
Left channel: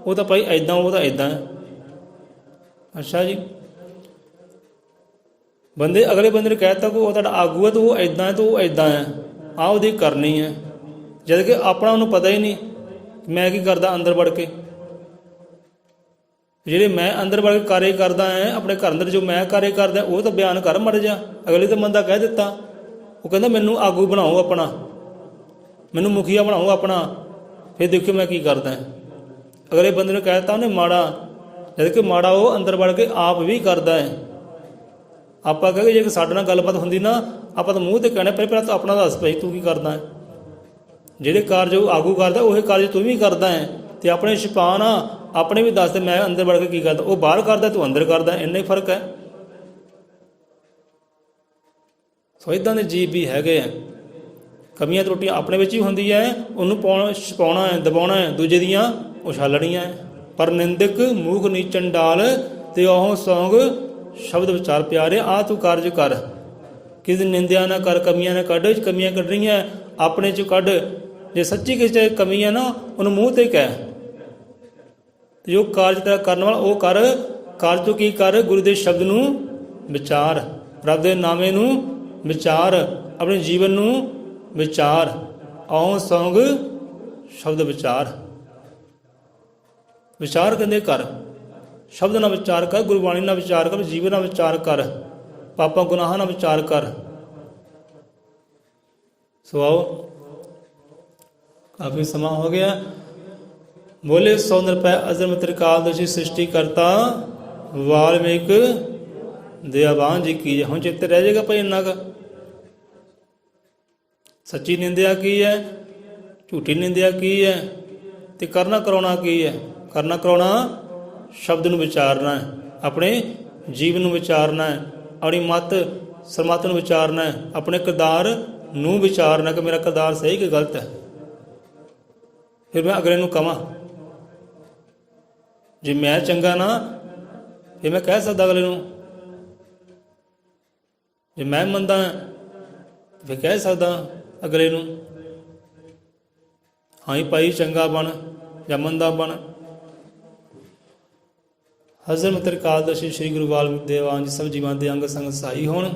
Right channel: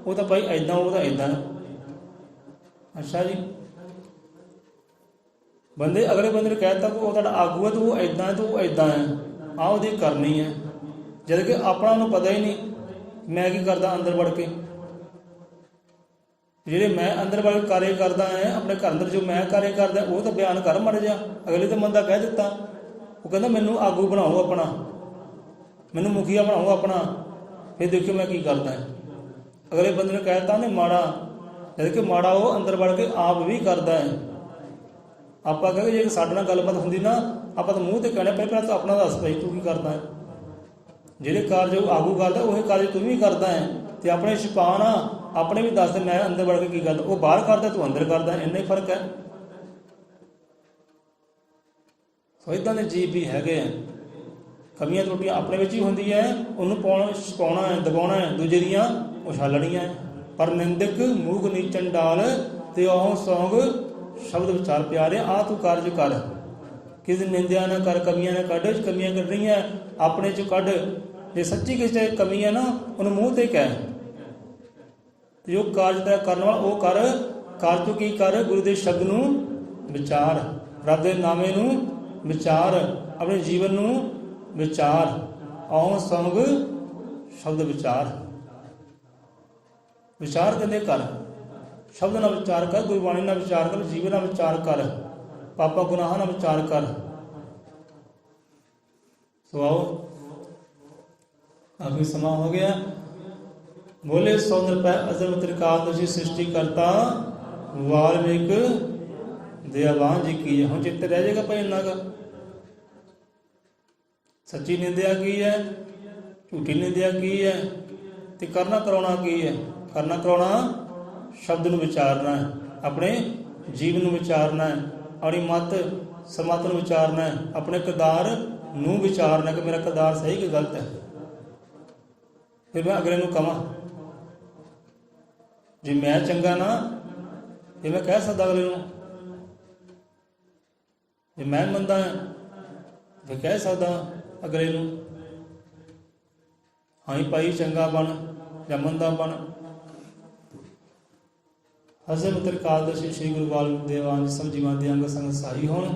ਉਹ ਤਾਂ ਭਾਈ ਇੱਦਾਂ, ਉਹ ਤਾਂ ਇੱਦਾਂ ਹੈ। ਅੱਛਾ ਜੀ, ਬੰਦੇ ਅਗਲੇ ਬੰਦੇ ਨੂੰ ਕਹਿ ਦਿੱਤਾ ਕਿ ਉਹ ਤੁਹਾਡਾ ਆਗੂ ਹੈ, ਤਾਂ ਉਹ ਇੱਦਾਂ ਹੈ, ਤਾਂ ਉਹ ਇੱਦਾਂ ਹੈ, ਆਹ ਉਹਦੀ ਕਰਨੀ ਹੈ। ਜਦ ਕਿ ਆਪਣਾ ਉਹਨੂੰ ਪਤਾ ਹੀ ਨਹੀਂ ਮੈਂ ਕੀ ਕਰਦਾ ਅੰਦਰ ਵੜ ਕੇ। ਜਿਹੜੇ ਮੈਂ ਅੰਦਰ ਵੜ ਕੇ ਕਾਰੇ ਕਰਦਾ ਹੈ ਆਪਣੇ ਘਰ ਅੰਦਰ, ਜੋ ਮੈਂ ਕਾਰੇ ਕਰਦਾ ਉਹ ਤਾਂ ਬਿਆਨ ਕਰ ਮੜ ਜਾ। ਅਗਲੇ ਤਾਂ ਬੰਦਾ ਕਹਿ ਦਿੱਤਾ, ਉਹ ਕਹਿੰਦਾ ਮੈਨੂੰ ਆਗੂ ਬਣਾਓ ਆਪਣਾ, ਮੈਨੂੰ ਮੁਖੀਆ ਬਣਾਓ ਆਪਣਾ, ਫਿਰ ਦੇਖਿਓ ਮੈਂ ਕੀ ਕਰਦਾ। ਅਗਲੇ ਬੰਦੇ ਨੇ ਕਹਿ ਦਿੱਤਾ ਉਹਨੇ ਮਾੜਾ, ਜਦ ਕਿ ਮਾੜਾ ਉਹ ਅੰਦਰ ਵੜ ਕੇ ਆਪ ਵੀ ਕਰਦਾ ਹੈ। ਆਪਾਂ ਕਹਾਂਗੇ ਜੇ ਸਾਡੇ ਨਾਲ ਗੱਲਬਾਤ ਹੁੰਦੀ ਨਾ, ਆਪਾਂ ਤਾਂ ਮੂੰਹ 'ਤੇ ਕਹਿਣਾ ਪਹਿਲਾਂ ਤਾਂ ਆਪਣਾ ਦੱਸ ਪਈ ਤੂੰ ਕੀ ਕਰਦਾ ਹੈ। ਜਿਹੜੇ ਕਾਰਜ ਉਹ ਆਗੂ ਕਰਦਾ ਉਹੀ ਕਾਰਜ ਤੂੰ ਵੀ ਕਰਦਾ ਹੈ। ਅਤੇ ਆਪਣੇ ਛੁਪਾ ਨਾ, ਆਪਣੇ ਵੀ ਦੱਸ ਦੇ ਮੈਂ ਅੰਦਰ ਵੜ ਕੇ ਕੀ ਕਰਦਾ। ਉਹ ਬਾਹਰ ਕਰਦਾ, ਤੂੰ ਅੰਦਰ ਕਰਦਾ, ਇੰਨਾ ਹੀ ਫਰਕ ਹੈ। ਸੋ ਇੱਦਾਂ ਦੇ ਜੀਵ ਵੀ ਹੈਗੇ ਆ। ਕਮੀਆਂ ਤਰੁੱਟੀਆਂ ਆਪਣੇ ਵਿੱਚ ਹੀ ਹੁੰਦੀ ਹੈ, ਉਹਨੂੰ ਛੁਪਾਉਣਾ ਹੈ, ਦਬਾਉਣਾ ਹੈ, ਦੂਜੇ ਦੀਆਂ ਉਛਾਲਣੀਆਂ ਹੈ। ਪਰ ਨਿੰਦਕ, ਮੂਰਖ, ਨੀਚ, ਚੰਡਾਲ ਤੇ ਉਹ ਸੌਂਗ ਸ਼ਬਦ ਵਿਚਾਰ ਪਿਆਰੇ, ਆ ਤੂੰ ਕਾਰਜ ਕਰ। ਕਿਸੇ ਦੀ ਨਿੰਦਿਆ ਨਾ ਕਰ, ਕਮੀਆਂ ਨਾ ਕੱਢ। ਕਮੀਆਂ ਕੱਢਣੀਆਂ ਆਪਣੇ 'ਚ ਕੱਢ। ਜੇ ਸੱਚੀ ਕਿਸੇ 'ਚ ਕਮੀ ਹੈ ਨਾ, ਉਹਨੂੰ ਮੂੰਹ 'ਤੇ ਕਹਿ। ਤੇ ਜੋ ਕਾਰਜ ਤੇਰਾ ਕਰਨ ਵਾਲਾ ਉਹ ਕਰ। ਕਾਰਜ ਤੋਂ ਕੀ ਕਰ? ਗੁਰੂ ਦੇ ਸ਼ਬਦ ਨੂੰ ਵਿਚਾਰ, ਰੱਬ ਦੇ ਨਾਮੇ ਨੂੰ ਵਿਚਾਰ, ਆਪਣੇ ਜੀਵਨ ਨੂੰ ਵਿਚਾਰ। ਆਉ ਸੌਂਗ ਸ਼ਬਦ ਵਿਚਾਰ। ਵਿਚਾਰ ਕਹਿੰਦੇ ਕਰ, ਸ਼ਬਦ ਨਾਲ ਵਿਚਾਰ ਕਰ, ਗੁਰਬਾਣੀ ਨਾਲ ਵਿਚਾਰ ਕਰ, ਜੀਵਨ ਨਾਲ ਵਿਚਾਰ ਕਰ, ਪਾਪਾਂ ਗੁਨਾਹਾਂ ਨਾਲ ਵਿਚਾਰ ਕਰ। ਸੋ ਆਓ, ਕਾਫੀ ਸਮਾਂ ਹੋ ਗਿਆ। ਬੋਲੇ 100 ਰੁਪਏ ਅਜ਼ਰ ਤ੍ਰਿਕਾਲਦਰਸ਼ੀ ਸ੍ਰਿਸ਼ਟੀ ਕਰਤਾ ਵਾਲਮੀਕ ਦਇਆਵਾਨ ਜੀ ਕੀ। ਹੁਣ ਚਿੱਤ ਰਹਿ ਜਾਏਗਾ ਭਾਈ ਇੰਨਾ ਕੁ। ਸੱਚੀ ਨਿੰਦਿਆ ਕੀ ਹੈ, ਝੂਠੀ ਨਿੰਦਿਆ ਕੀ ਹੈ, ਤੇ ਕਰਨਾ ਕਰਾਉਣਾ ਕੀ ਹੈ। ਕਰਨਾ ਕਰਾਉਣਾ ਸ਼ਬਦ ਨੂੰ ਵਿਚਾਰਨਾ ਹੈ, ਆਪਣੇ ਜੀਵਨ ਨੂੰ ਵਿਚਾਰਨਾ ਹੈ, ਆਪਣੀ ਮੱਤ ਸਰਮੱਤ ਨੂੰ ਵਿਚਾਰਨਾ ਹੈ, ਆਪਣੇ ਕਿਰਦਾਰ ਨੂੰ ਵਿਚਾਰਨਾ ਕਿ ਮੇਰਾ ਕਿਰਦਾਰ ਸਹੀ ਕਿ ਗਲਤ ਹੈ। ਫਿਰ ਮੈਂ ਅਗਲੇ ਨੂੰ ਕਵਾਂ। ਜੇ ਮੈਂ ਚੰਗਾ ਨਾ, ਫਿਰ ਮੈਂ ਕਹਿ ਸਕਦਾ ਅਗਲੇ ਨੂੰ। ਜੇ ਮੈਂ ਮੰਦਾ ਫਿਰ ਕਹਿ ਸਕਦਾ ਅਗਲੇ ਨੂੰ, ਹਾਂ ਭਾਈ ਚੰਗਾ ਬਣ ਜਾਂ ਮੰਦਾ ਬਣ। ਹਜ਼ਰਤ ਤ੍ਰਿਕਾਲਦਰਸ਼ੀ ਸ੍ਰੀ ਗੁਰੂ ਵਾਲਮੀਕ ਦੇਵਾਨ ਜੀ ਸਭ ਜੀਵਾਂ ਦੇ ਅੰਗ ਸੰਗ ਸਹਾਈ ਹੋਣ।